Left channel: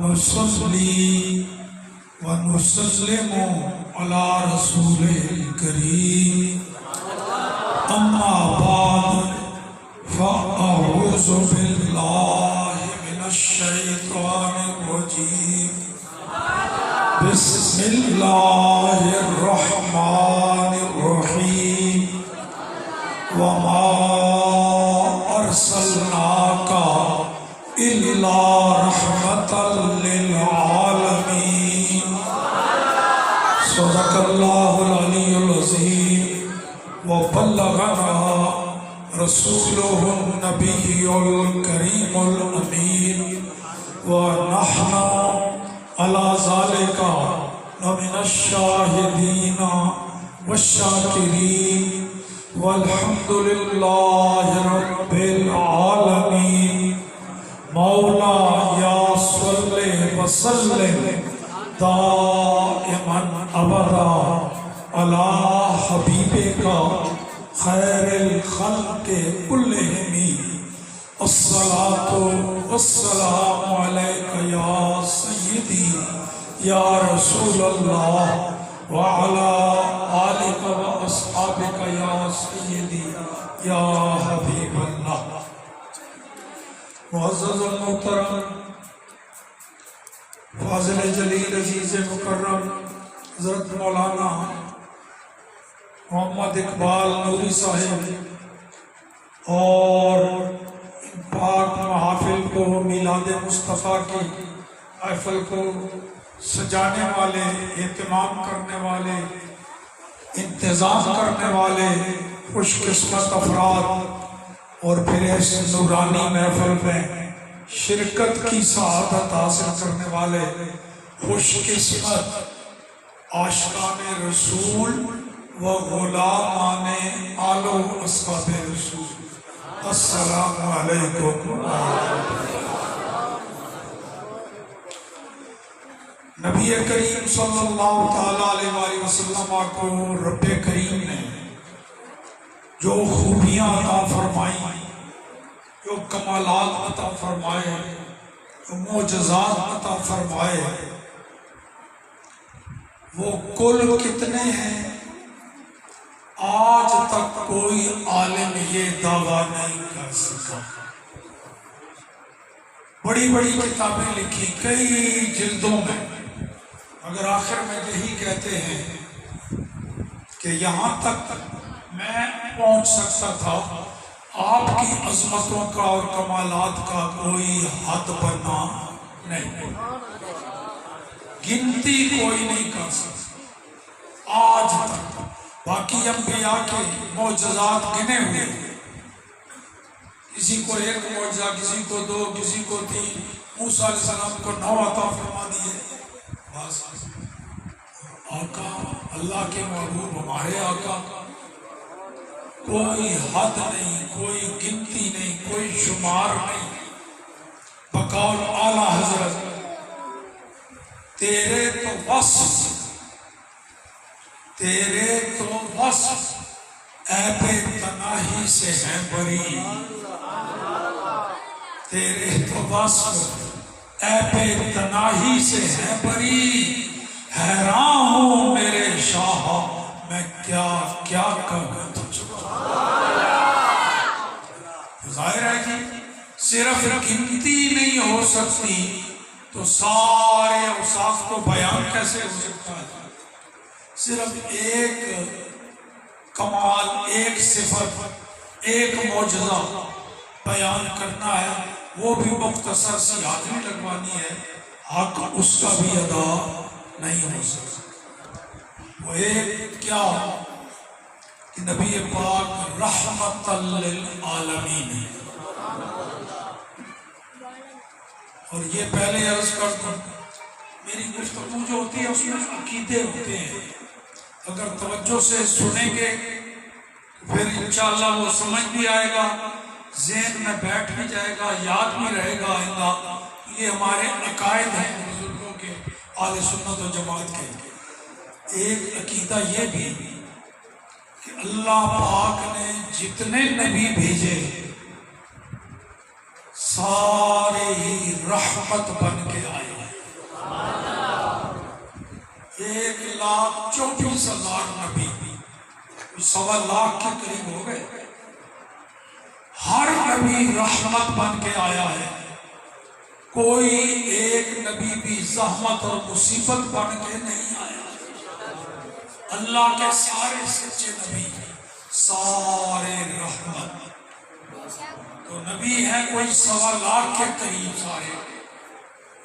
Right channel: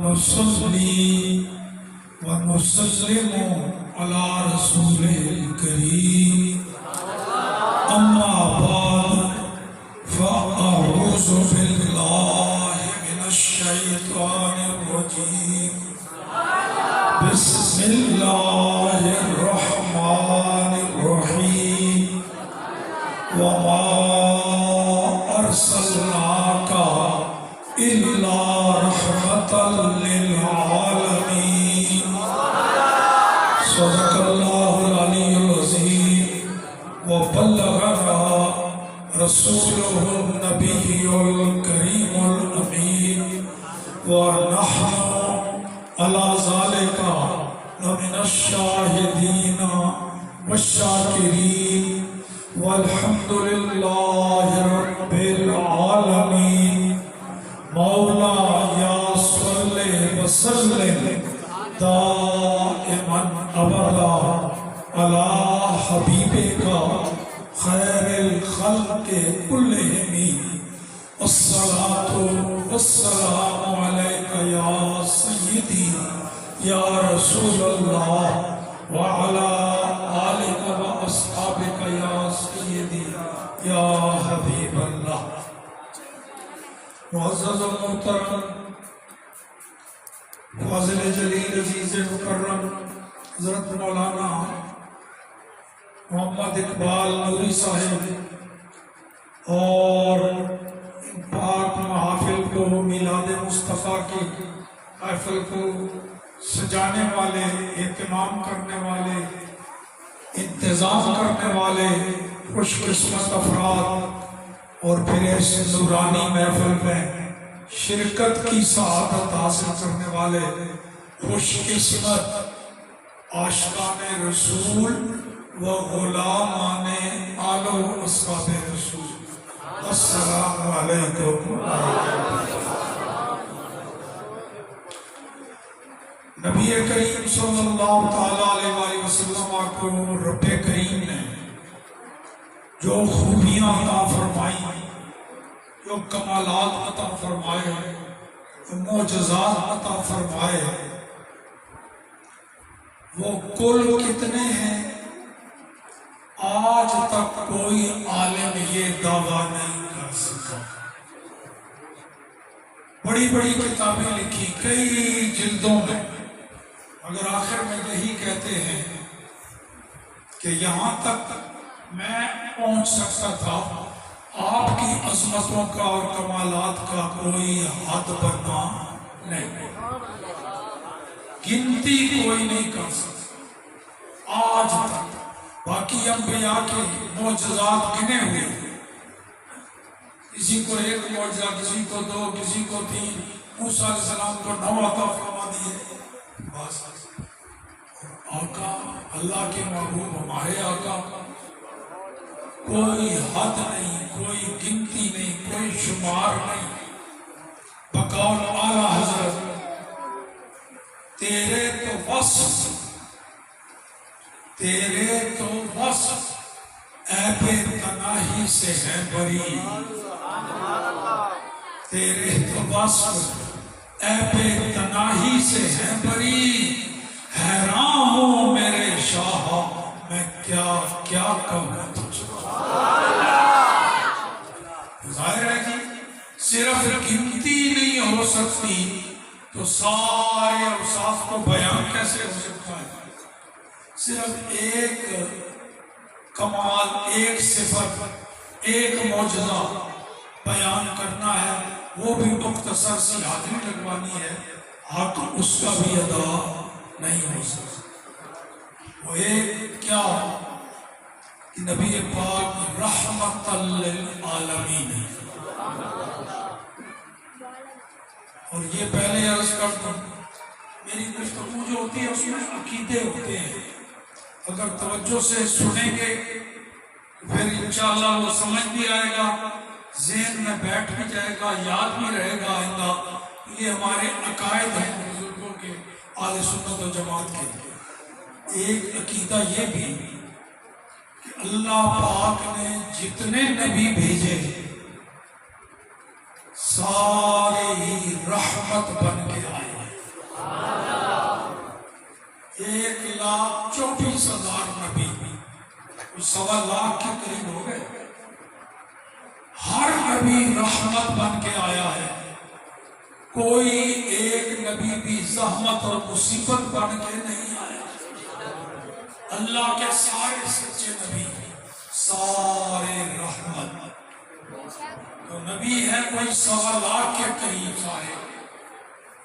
نصلي ونسلم على رسول الكريم أما بعد فأعوذ بالله من الشيطان الرجيم بسم الله الرحمن الرحيم وما أرسلناك إلا رحمة للعالمين صدق الله العلي العظيم وبلغنا رسوله النبي الكريم الأمين ونحن على ذلك لمن الشاهدين والشاكرين والحمد لله رب العالمين مولا یا صلی وسلم دائما ابدا علی حبیبک خیر الخلق کلہم الصلاۃ والسلام علیک یا سیدی یا رسول اللہ وعلی آلک و اصحابک یا سیدی یا حبیب اللہ۔ معزز محترم فاضل جلیل عزیز مکرم حضرت مولانا محمد اقبال نوری صاحب اور پاک محافل کو میلاد مصطفیٰ کی محفل کو سجانے والے، اہتمام کرنے والے، انتظام کرنے والے خوش قسمت افراد اور پھر اس نورانی محفل میں شرکت کی سعادت حاصل کرنے والے خوش قسمت عاشقان رسول و غلامان آل و اصحاب رسول، السلام علیکم۔ نبی کریم صلی اللہ تعالیٰ علیہ وسلم کو رب کریم نے جو خوبیاں عطا فرمائی، جو کمالات عطا فرمائے، جو معجزات عطا فرمائے، وہ کل کتنے ہیں؟ آج تک کوئی عالم یہ دعویٰ نہیں کر سکا۔ بڑی بڑی کتابیں لکھی کئی جلدوں میں، مگر آخر میں یہی کہتے ہیں کہ یہاں تک میں پہنچ سکتا تھا، آپ کی عظمتوں کا اور کمالات کا کوئی حد بنا نہیں، گنتی کوئی نہیں کر سکتا آج تک۔ باقی انبیاء کے معجزات گنے ہوئے، کسی کو ایک معجزہ، کسی کو دو، کسی کو تین، موسیٰ علیہ السلام کو 9 عطا فرما دیے۔ بس آقا اللہ کے محبوب ہمارے آقا کوئی حد نہیں، کوئی گنتی نہیں، کوئی شمار نہیں۔ بقول اعلیٰ حضرت تیرے تو وصف عیب تناہی سے ہے بری، تیرے تو وصف عیب تناہی سے ہے بری، حیران ہوں میرے شاہ میں کیا کیا کہوں تجھ کو۔ ظاہر ہے کہ صرف گنتی نہیں ہو سکتی تو سارے اوصاف کو بیان کیسے ہو سکتا ہے؟ صرف ایک کمال، ایک صفت، ایک معجزہ بیان کرنا ہے، وہ بھی مختصر سی حاضری لگوانی ہے، حق اس کا بھی ادا نہیں ہو سکتا۔ وہ ایک کیا کہ نبی پاک رحمت للعالمین ہے۔ اور یہ پہلے عرض کر دوں، میری گفتگو جو ہوتی ہے اس میں عقیدے ہوتے ہیں، اگر توجہ سے سنیں گے پھر انشاءاللہ وہ سمجھ بھی آئے گا، ذہن میں بیٹھ بھی جائے گا، یاد بھی رہے گا آئندہ۔ یہ ہمارے عقائد ہیں بزرگوں کے، اہل سنت و جماعت کے۔ ایک عقیدہ یہ بھی کہ اللہ پاک نے جتنے نبی بھیجے سارے ہی رحمت بن کے آئے، سوا لاکھ کے قریب ہو گئے. ہر نبی رحمت بن کے آیا ہے. کوئی ایک نبی بھی زحمت اور مصیبت بن کے نہیں آیا. اللہ کے سارے سچے نبی سارے رحمت. تو نبی ہے کوئی سوا لاکھ کے قریب آئے،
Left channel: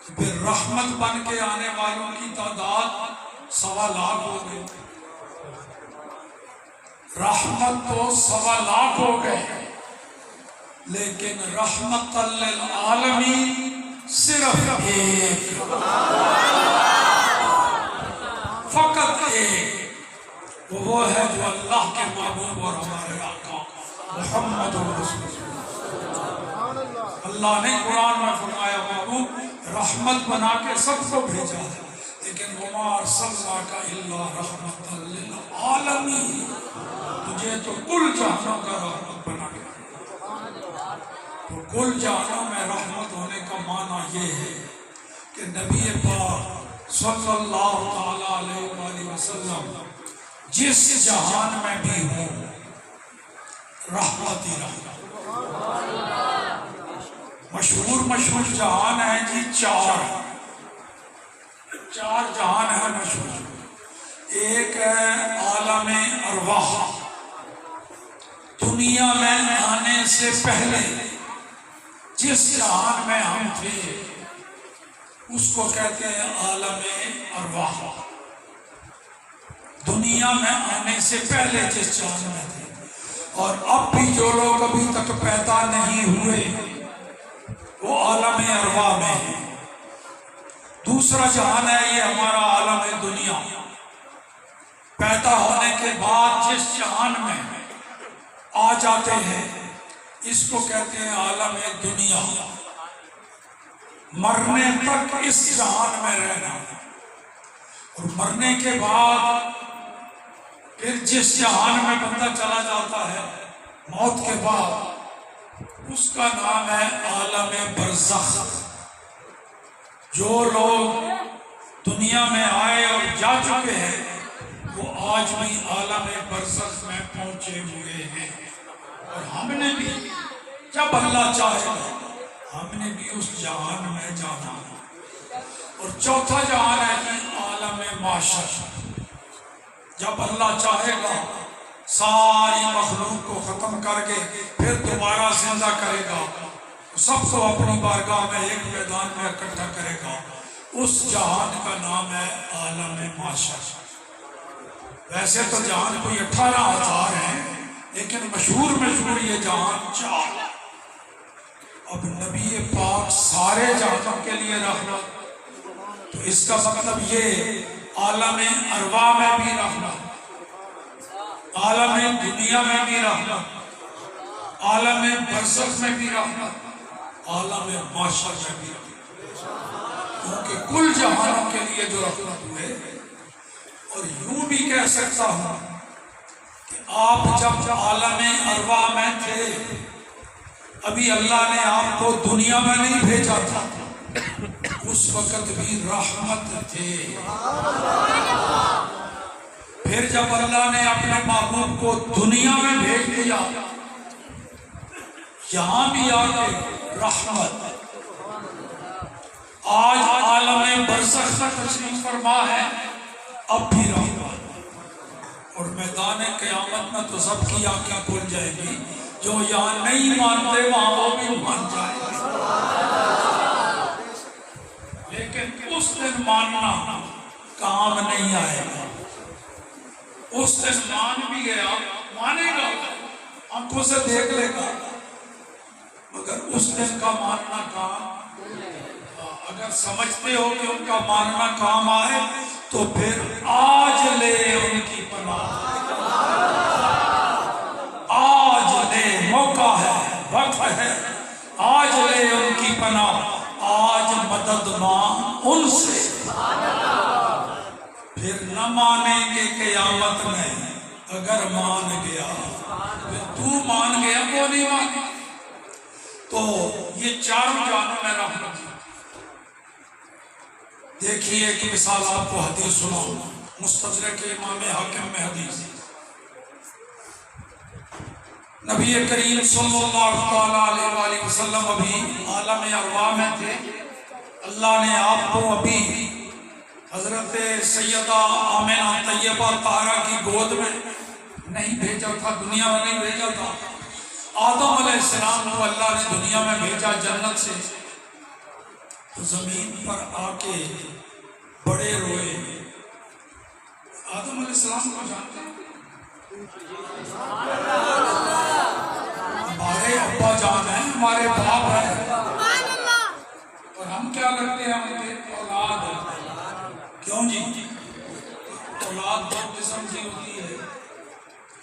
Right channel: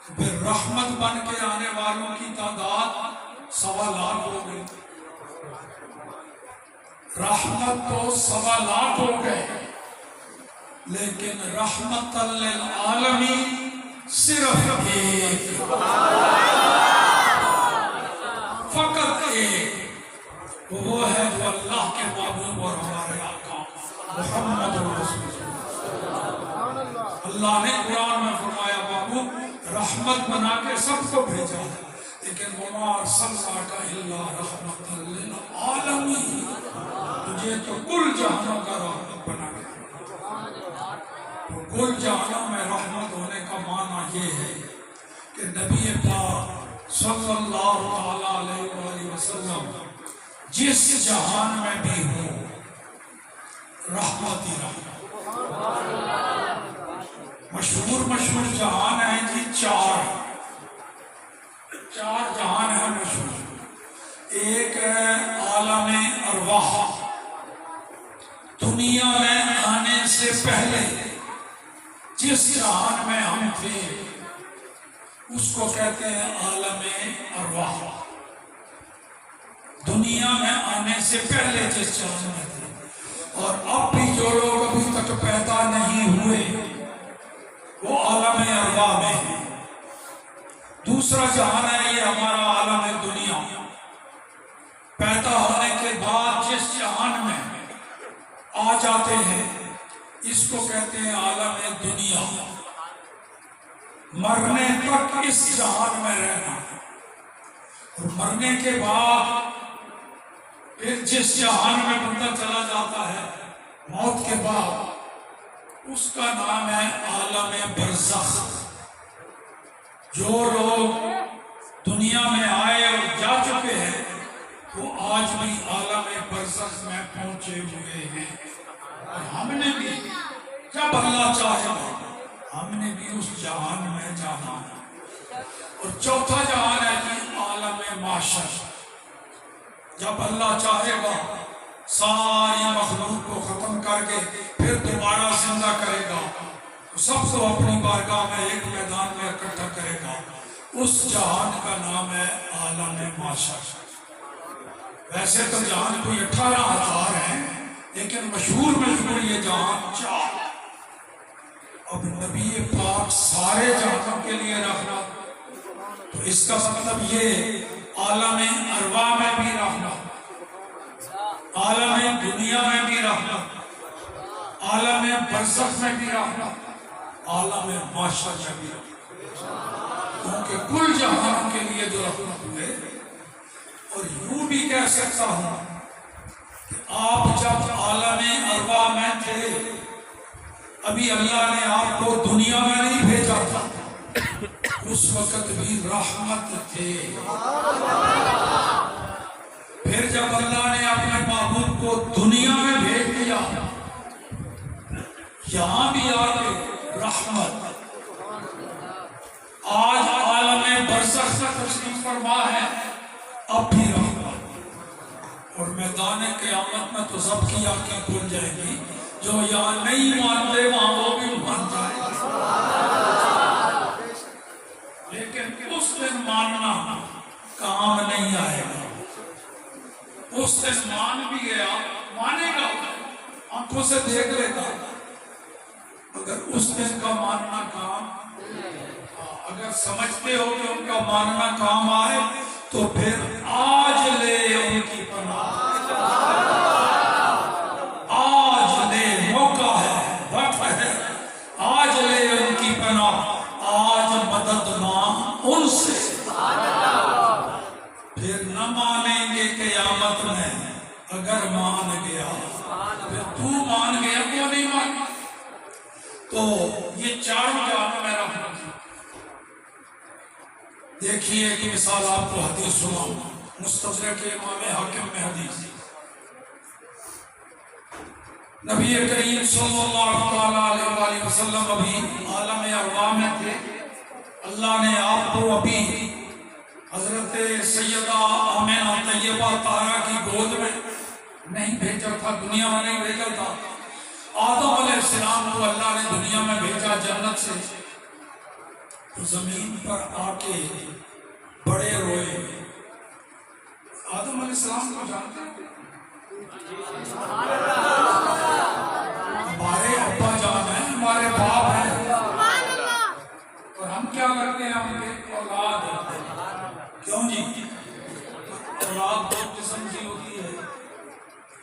پھر رحمت بن کے آنے والوں کی تعداد سوا لاکھ ہو گئی. رحمت تو سوا لاکھ ہو گئے، لیکن رحمت للعالمین صرف ایک، فقط ایک، وہ ہے جو اللہ کے محبوب اور ہمارے آقا محمد رسول اللہ. اللہ نے قرآن میں فرمایا محبوب رحمت بنا کے سب کو بھیجا، لیکن وما ارسلناک الا رحمۃ للعالمین، تجھے تو کل جہانوں کا رحمت بنا کے. تو کل جہانوں میں رحمت ہونے کا معنی یہ ہے کہ نبی پاک صلی اللہ علیہ وآلہ وسلم جس جہان میں بھی ہوں رحمت ہی رحمت. مشہور جہان ہیں جی چار جہان ہیں مشہور. ایک ہے عالم ارواح، دنیا میں آنے سے پہلے جس جہان میں ہم تھے اس کو کہتے ہیں عالم ارواح. دنیا میں آنے سے پہلے جس جہان میں تھے، اور اب بھی جو لوگ ابھی تک پیدا نہیں ہوئے وہ عالم ارواح میں ہے. دوسرا جہان ہے یہ ہمارا عالم دنیا. پیدا ہونے کے بعد جس جہان میں آ جاتے ہیں اس کو کہتے ہیں عالم دنیا. مرنے تک اس جہان میں رہنا، اور مرنے کے بعد پھر جس جہان میں بندہ چلا جاتا ہے موت کے بعد اس کا نام ہے عالم برزخ. جو لوگ دنیا میں آئے اور جا چکے ہیں وہ آج بھی عالم برزخ میں پہنچے ہوئے ہیں. اور ہم نے بھی جب اللہ چاہے ہم نے بھی اس جہان میں جانا ہے. اور چوتھا جہان ہے کہ عالم معاشر. جب اللہ چاہے گا ساری مخلوق کو ختم کر کے پھر دوبارہ زندہ کرے گا، سب کو اپنی بارگاہ میں ایک میدان میں اکٹھا کرے گا. اس جہان کا نام ہے عالم معاشر. ویسے تو جہان کوئی 18,000 ہیں، لیکن مشہور یہ جہان 4. اب نبی پاک سارے جہانوں کے لیے رحمت، تو اس کا مطلب یہ عالم ارواح میں بھی رحمت، عالم دنیا میں بھی رحمت، عالم برزخ میں بھی رحمت، عالم معاشر میں بھی رحمت. کیونکہ کل جہانوں کے لیے جو رحمت ہوئے. اور یوں بھی کہہ سکتا ہوں کہ آپ جب عالم ارواح میں تھے ابھی اللہ نے آپ کو دنیا میں نہیں بھیجا تھا، اس وقت بھی رحمت تھے. پھر جب اللہ نے اپنے محبوب کو دنیا میں بھیج دیا یہاں بھی آ کے رحمت. آج عالم برزخ تک تشریف فرما ہے، اب بھی رحمت. اور میدان قیامت میں تو سب کی آنکھیں کھل جائے گی. جو یہاں نہیں مانتے وہاں وہ بھی مان جائے گا. لیکن اس دن ماننا کام نہیں آئے گا. اس دن مان بھی گیا مانے گا، آنکھوں سے دیکھ لے گا، مگر اس دن کا ماننا کام. اگر سمجھتے ہو کہ ان کا ماننا کام آئے تو پھر آج لے ان کی پناہ. آج لے، موقع ہے، وقت ہے، آج لے ان کی پناہ. آج مدد مانگ ان سے، پھر نہ مانیں گے قیامت میں. اگر مان گیا پھر تو مان گیا وہ نہیں مانے. تو یہ چاروں جہانوں میں رحمت. دیکھیے کہ مثال آپ کو حدیث سناؤں، مستدرک امام حاکم میں حدیث. نبی کریم صلی اللہ علیہ وآلہ وسلم ابھی عالم ارواح میں تھے، اللہ نے آپ کو ابھی حضرت سیدہ آمنہ طیبہ طاہرہ کی گود میں نہیں بھیجا تھا، دنیا میں نہیں بھیجا تھا۔ آدم علیہ السلام کو اللہ نے دنیا میں بھیجا جنت سے، تو زمین پر آ کے بڑے روئے۔ آدم علیہ السلام کو جانتے ہیں؟ ہمارے ابا جان ہیں، ہمارے باپ ہیں، اور ہم کیا کرتے ہیں؟ ہم کے اولاد ہیں۔ کیوں جی؟ اولاد دو قسم کی ہوتی ہے،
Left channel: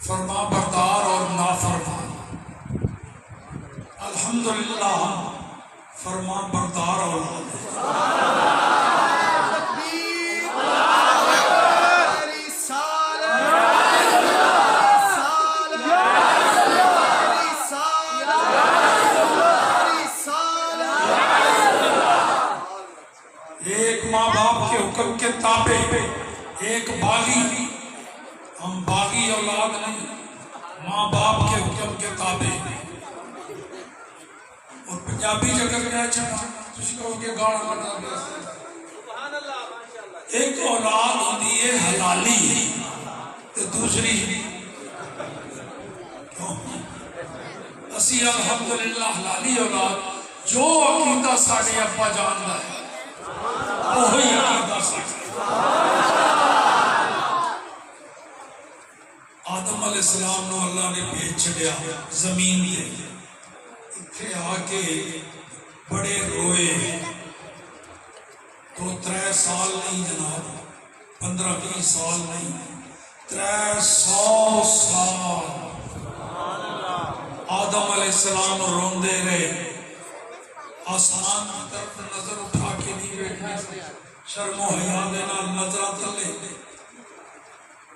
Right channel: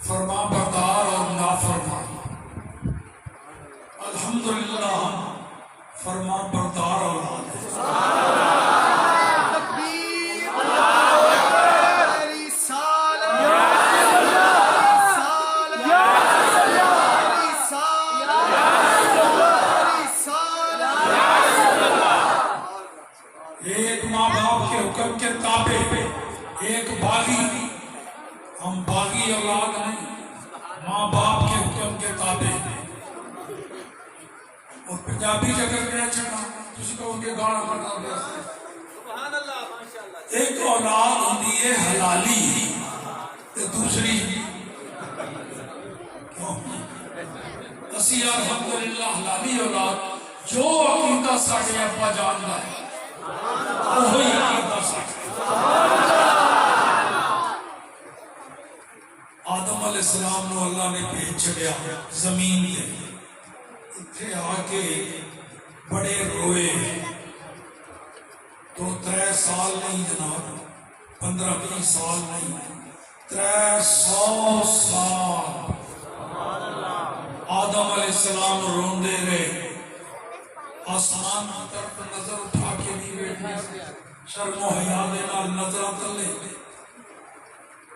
فرما بردار اور نافرمان۔ الحمدللہ ہم فرما بردار اولاد ہیں۔ ایک ماں باپ کے حکم کے تابع، ایک باغی، ہم باغی اولاد نہیں، ماں باپ کے حکم کے تابع۔ اور پنجابی جگہ میں چڑھا کسی کو ان کے گاڑ بنا دیا۔ ایک اولاد ہوتی ہے حلالی، تو دوسری کیوں؟ اسی الحمدللہ حلالی اولاد، جو عقیدہ ساڑھے ابا جانتا ہے وہی عقیدہ ساڑھے۔ آدم علیہ السلام نے اللہ نے بھیج چھڑیا زمین میں، اتھے آ کے بڑے روئے۔ 2-3 سال نہیں جناب، 15-20 سال نہیں، 300 سال آدم علیہ السلام روندے رہے۔ آسمان کی طرف نظر اٹھا کے نہیں بیٹھے، شرم و حیا دے نال نظر تلے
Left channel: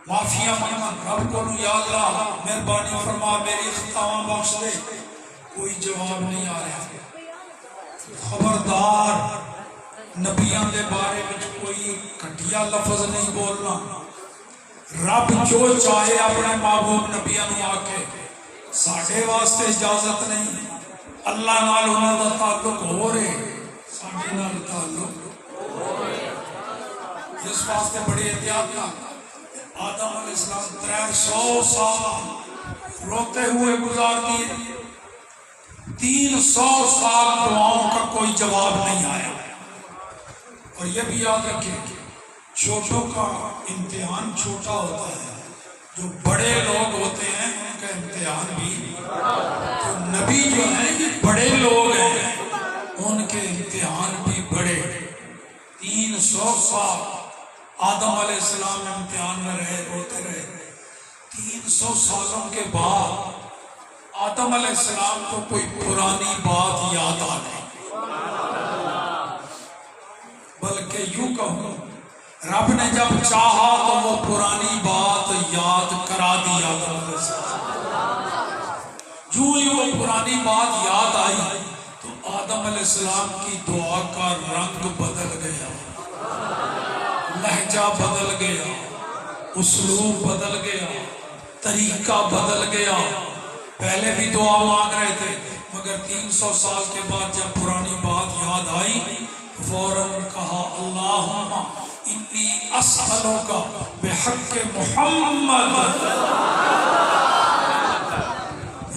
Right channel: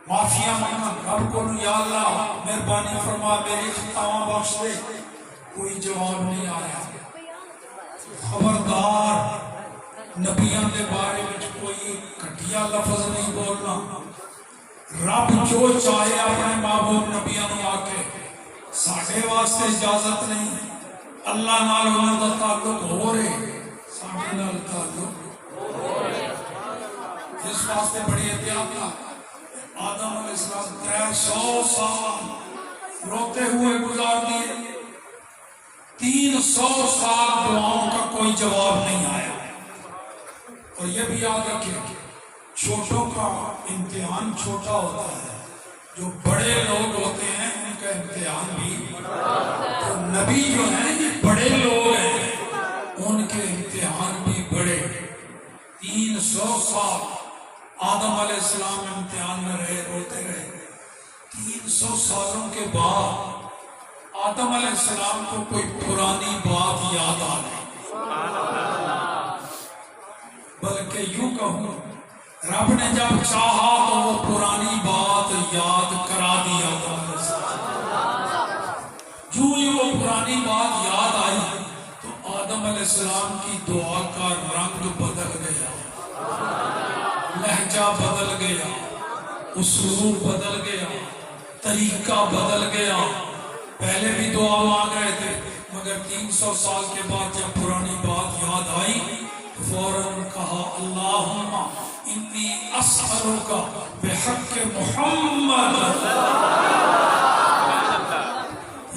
معافیاں مانگ رب کو، یا اللہ مہربانی فرما میری خطاواں بخش دے۔ کوئی جواب نہیں آ رہا۔ خبردار نبیوں کے بارے میں کوئی گھٹیا لفظ نہیں بولنا۔ رب جو چاہے اپنے محبوب نبیوں نے آ کے، ساڈے واسطے اجازت نہیں۔ اللہ نال انہاں دا تعلق ہو رہے، ساڈے نال تعلق ہو رہے۔ اس واسطے بڑی احتیاط نال آدم علیہ السلام 300 سال روتے ہوئے گزار دیے۔ 300 سال دعاؤں کا کوئی جواب نہیں آیا۔ اور یہ بھی یاد رکھیں کہ چھوٹوں کا امتحان چھوٹا ہوتا ہے، جو بڑے لوگ ہوتے ہیں ان کا امتحان بھی، تو نبی جو ہیں بڑے لوگ ہیں ان کے امتحان بھی بڑے۔ 300 سال آدم علیہ السلام امتحان میں رہے، روتے رہے۔ 300 سالوں کے بعد آدم علیہ السلام کو کوئی پرانی بات یاد آ گئی، بلکہ یوں کہوں رب نے جب چاہا تو وہ پرانی بات یاد کرا دی آدم علیہ السلام۔ جو ہی وہ پرانی بات یاد آئی تو آدم علیہ السلام کی دعا کا رنگ بدل گیا، لہجہ بدل گیا، اسلوب بدل گیا، طریقہ بدل گیا۔ پہلے بھی دعا مانگ رہے تھے، مگر 300 سال کے بعد جب پرانی بات یاد آئی فوراً کہا اللہم انی اسألک بحق محمد،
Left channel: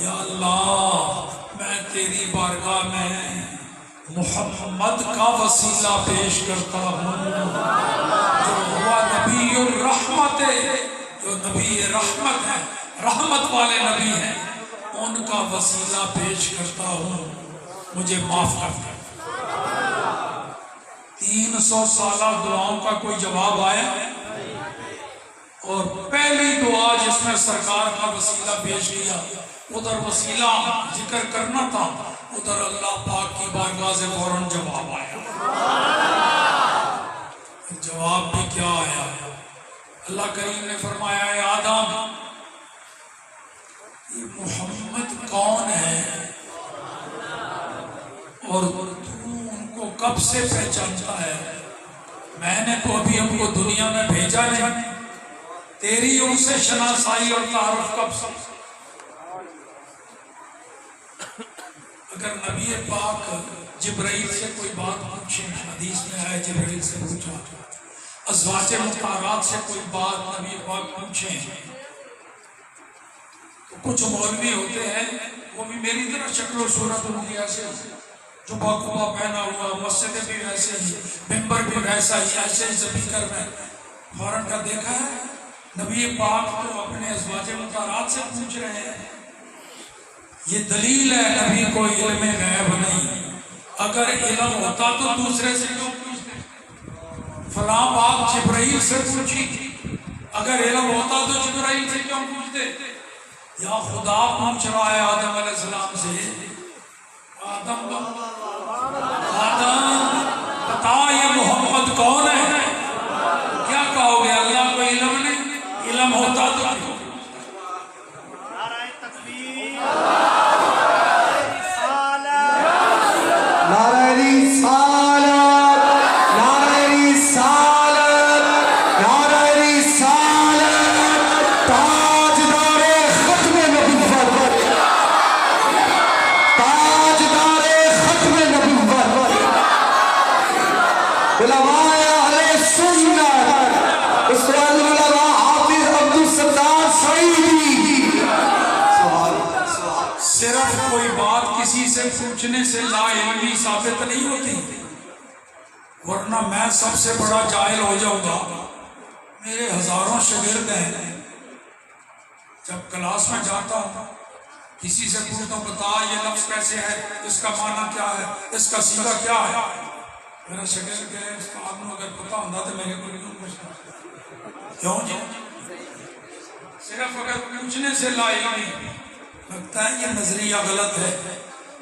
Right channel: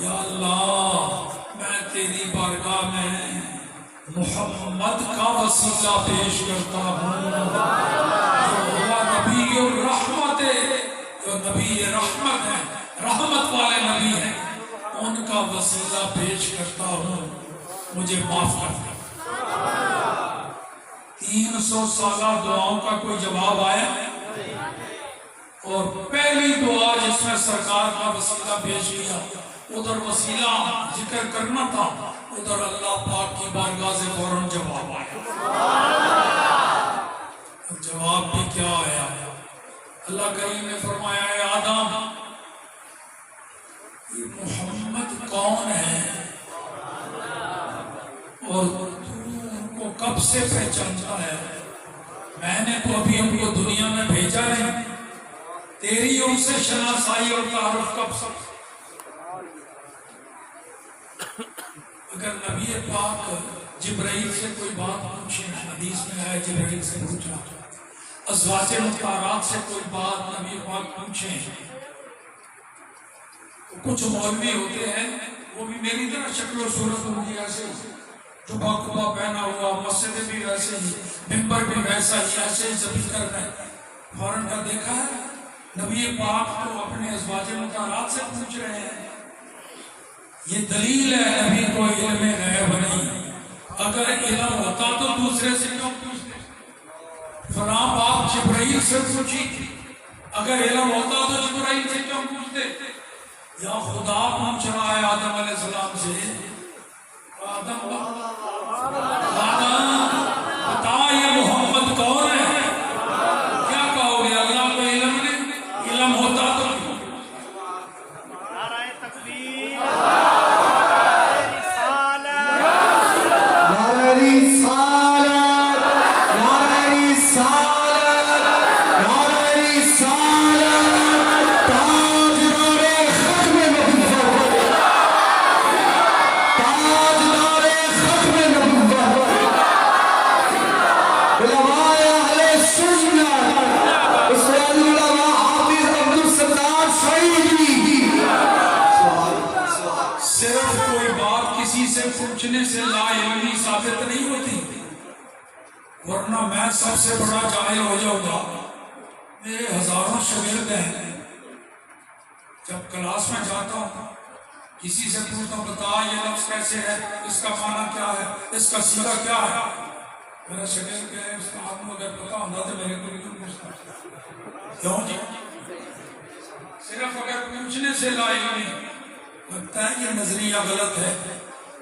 یا اللہ میں تیری بارگاہ میں محمد کا وسیلہ پیش کرتا ہوں، جو ہوا نبی الرحمت، جو نبی رحمت ہے، رحمت والے نبی ہیں، ان کا وسیلہ پیش کرتا ہوں، مجھے معاف کرتا۔ 300 سالہ دعاؤں کا کوئی جواب آیا، اور پہلی دعا جس میں سرکار کا وسیلہ پیش کیا، ادھر وسیلہ ذکر کرنا تھا، ادھر اللہ پاک کی بارگاہ سے فوراً جواب آیا۔ جواب بھی کیا آیا؟ اللہ کریم نے فرمایا اے آدم، یہ محمد کون ہے اور تو ان کو کب سے پہچانتا ہے؟ میں نے تو ابھی ہم کو دنیا میں بھیجا نہیں، تیری ان سے شناسائی اور تعارف کب سے؟ اگر نبی پاک جبرائیل سے کوئی بات پوچھیں، حدیث میں ہے جبرائیل سے پوچھا، ازواج مطہرات سے کوئی بات نبی پاک پوچھیں، تو کچھ مولوی ہوتے ہیں وہ بھی میری طرح شکل و صورت ہوگی ایسے، جو باقبہ پہنا ہوا، مسجد بھی ویسے ہی، ممبر بھی ویسا ہی، ایسے ہی سبھی کر رہے ہیں. فوراً کا دیکھا ہے نبی پاک کو اپنے ازواج مطہرات سے پوچھ رہے ہیں. یہ دلیل ہے نبی کو علم غیب نہیں. اگر علم ہوتا تو دوسرے سے کیوں پوچھتے؟ فلاں بات جبرائیل سے پوچھی، اگر علم ہوتا تو جبرائیل سے کیوں پوچھتے؟ یا خدا پوچھ رہا ہے آدم علیہ السلام سے، آدم بتا یہ محمد کون ہے؟ کیا کہو گے؟ اللہ کو علم نہیں؟ علم ہوتا تو صرف کوئی بات کسی سے پوچھنے سے لا علمی ثابت نہیں ہوتی، ورنہ میں سب سے بڑا جاہل ہو جاؤں گا. میرے ہزاروں شاگرد ہیں، جب کلاس میں جاتا ہوں کسی سے پوچھتا ہوں بتا یہ لفظ کیسے ہے، اس کا معنی کیا ہے، اس کا سیدھا کیا ہے، میرا شاگرد کہے اس کو آپ کو اگر پتا ہوتا تو میرے کو نہیں پوچھتا. کیوں جی؟ صرف اگر پوچھنے سے لا علمی لگتا ہے یہ نظریہ غلط ہے.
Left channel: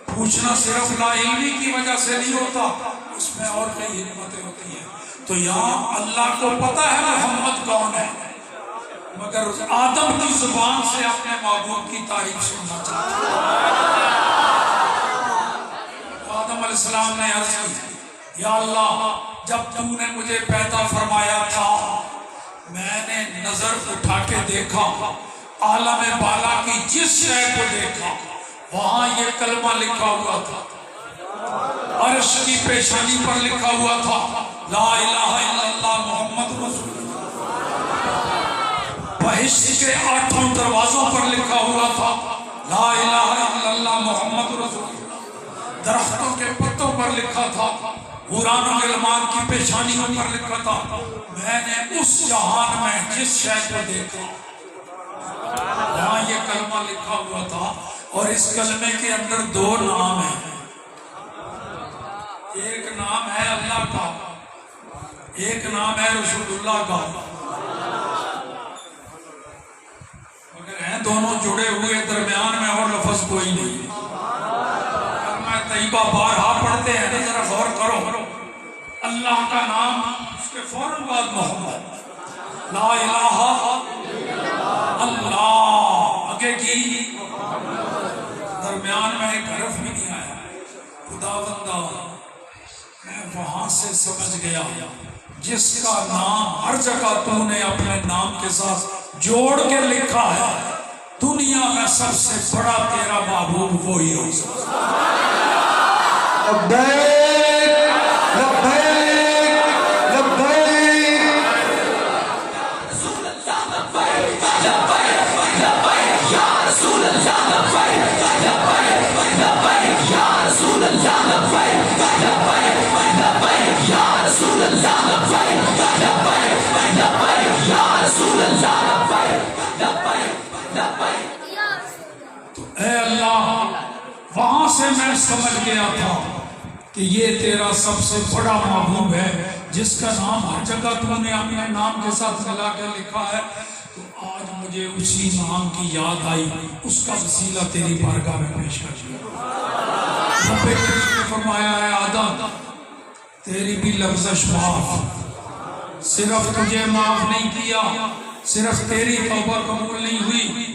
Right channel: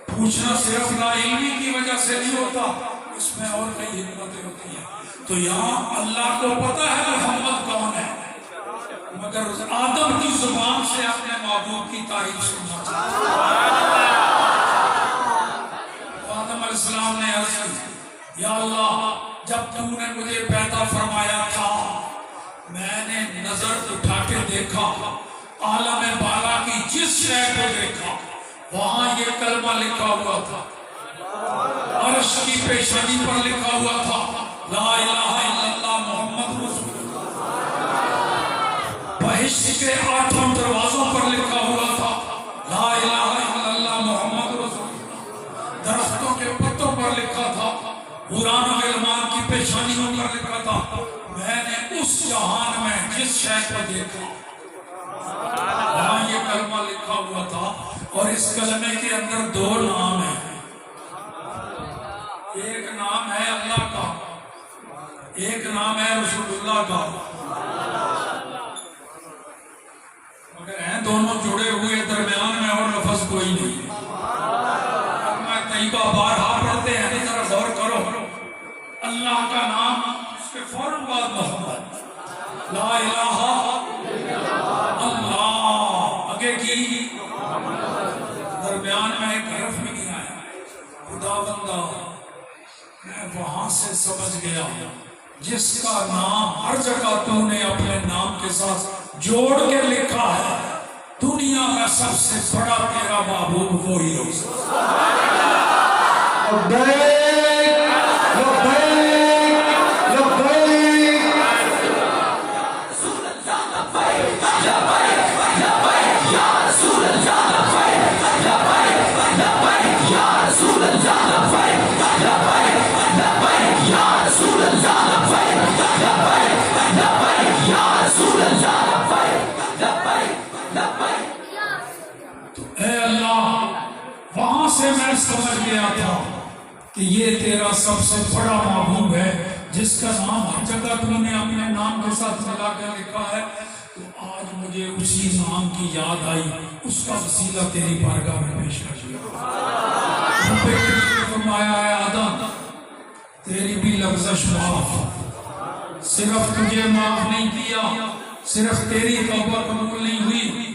پوچھنا صرف لا علمی کی وجہ سے نہیں ہوتا، اس میں اور کئی حکمتیں ہوتی ہیں. تو یہاں اللہ کو پتا ہے محمد کون ہے، مگر آدم کی زبان سے اپنے معبود کی تعریف سننا چاہتا ہے. آدم علیہ السلام نے عرض کی یا اللہ جب تم نے مجھے پیدا فرمایا تھا میں نے نظر اٹھا کے دیکھا، عالم بالا کی جس شے کو دیکھا وہاں یہ کلمہ لکھا ہوا تھا، عرش کی پیشانی پر لکھا ہوا تھا لا الہ الا اللہ محمد رسول اللہ. بہشت کے 8 دروازوں پر لکھا ہوا تھا لا الہ الا اللہ محمد رسول اللہ. درختوں کے پتوں پر لکھا تھا، حوران و غلمان کی پیشانیوں پر لکھا تھا. میں نے اس جہان میں جس شے کو دیکھا وہاں یہ کلمہ لکھا ہوا تھا، اور اس کلمے کے اندر 2 نام ہیں. ایک نام ہے اللہ کا، ایک نام ہے رسول اللہ کا، مگر ہیں دونوں جڑے ہوئے، درمیان میں اور لفظ کوئی نہیں. میں طیبہ بارہا پڑھتے ہیں تو ذرا غور کرو، اللہ کا نام اس کے فوراً بعد محمد، لا الہ اللہ آگے کی، درمیان میں ایک حرف بھی نہیں آیا. خدا بندہ میں وہاں سے سمجھ گیا جس کا نام ہر جگہ تو نے اپنے نام کے ساتھ جوڑ کے لکھا ہے، دنیا میں سب سے بڑا تیرا معبود وہی ہو سکتا ہے. تو اے اللہ وہاں سے میں سمجھ گیا تھا کہ یہ تیرا سب سے بڑا معبود ہے جس کا نام ہر جگہ تم نے اپنے نام کے ساتھ ملا کر لکھا ہے. تو آج مجھے اسی نام کی یاد آئی، اس کا وسیلہ تیری بارگاہ میں پیش کر دیا. رب کریم نے فرمایا ہے آدم تیری بھی لفظش معاف، صرف تجھے معاف نہیں کیا، صرف تیری توبہ قبول نہیں ہوئی،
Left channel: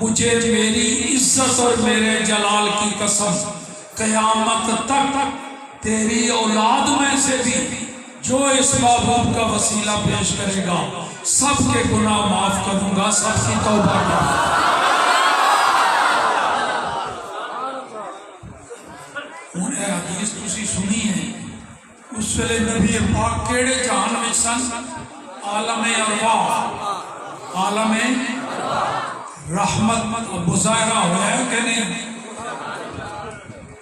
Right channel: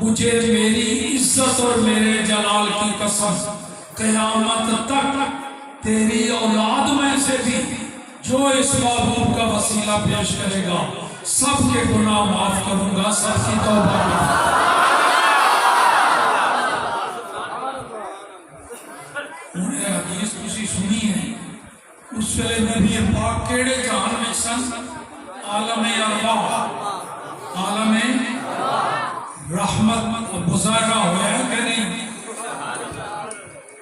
مجھے میری عزت اور میرے جلال کی قسم قیامت تک تیری اولاد میں سے بھی جو اس محبوب کا وسیلہ پیش کرے گا سب کے گناہ معاف کروں گا، سب کی توبہ کروں گا. سنی ہے اس ویلے نبی پاک کیڑے جہان میں سن؟ عالم ارواح، عالم رحمت مظاہرہ ہوا ہے کہ نہیں؟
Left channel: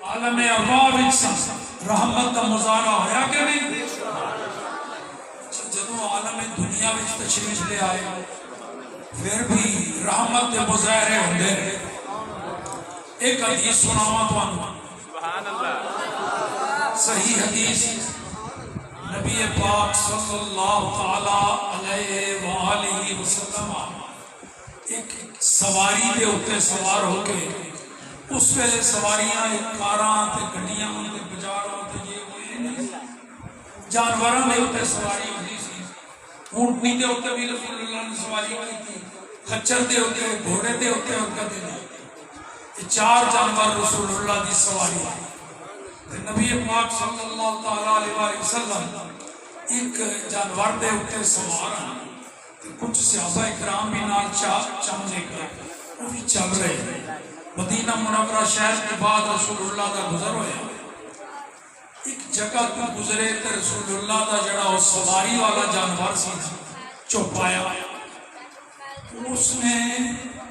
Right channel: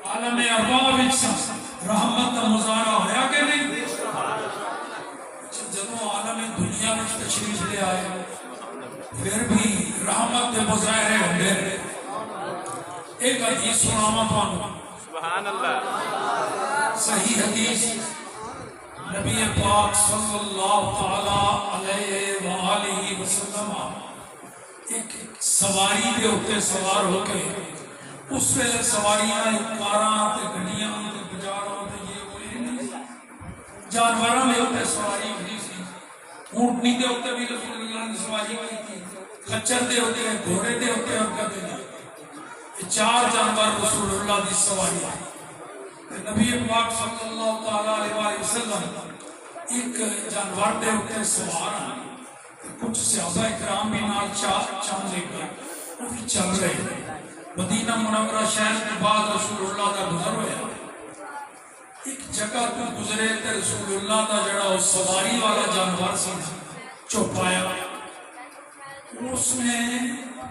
عالم ارواح وچ سن، رحمت کا مظاہرہ ہوا کہ نہیں؟ جدوں عالم دنیا وچ تشریف لے آئے پھر بھی رحمت کے مظاہرے ہوندے رہے۔ ایک حدیث سناواں تانوں، صحیح حدیث، نبی پاک صلی اللہ تعالی علیہ وآلہ وسلم ایک سواری دے اوتے سوار ہو کے، اس ویلے سواریاں کاراں تے گڈیاں تے بجاڑاں تے یہ کوئی نہیں، جانوراں دے اوتے سواری ہوندی سی۔ اونٹنی دے اوتے بھی رسول اللہ نے سواری کی تھی، خچر دے اوتے، گھوڑے دے اوتے اور کدے نہیں۔ یہ چار جانور رسول اللہ دی سواری ہے۔ نبی پاک صلی اللہ تعالی علیہ وسلم ایک جانور دے اوتے سوار ہیں، کچھ صحابہ کرام بھی نال چاند لے کے وہ بھی چل رہے ہیں۔ مدینہ منورہ شہر کے بعد رسول اللہ کا گزر ہوا، ایک جگہ کو گزرے تو رسول اللہ کا جڑا وہ سواری والا جانور سی چوپایا، اس نے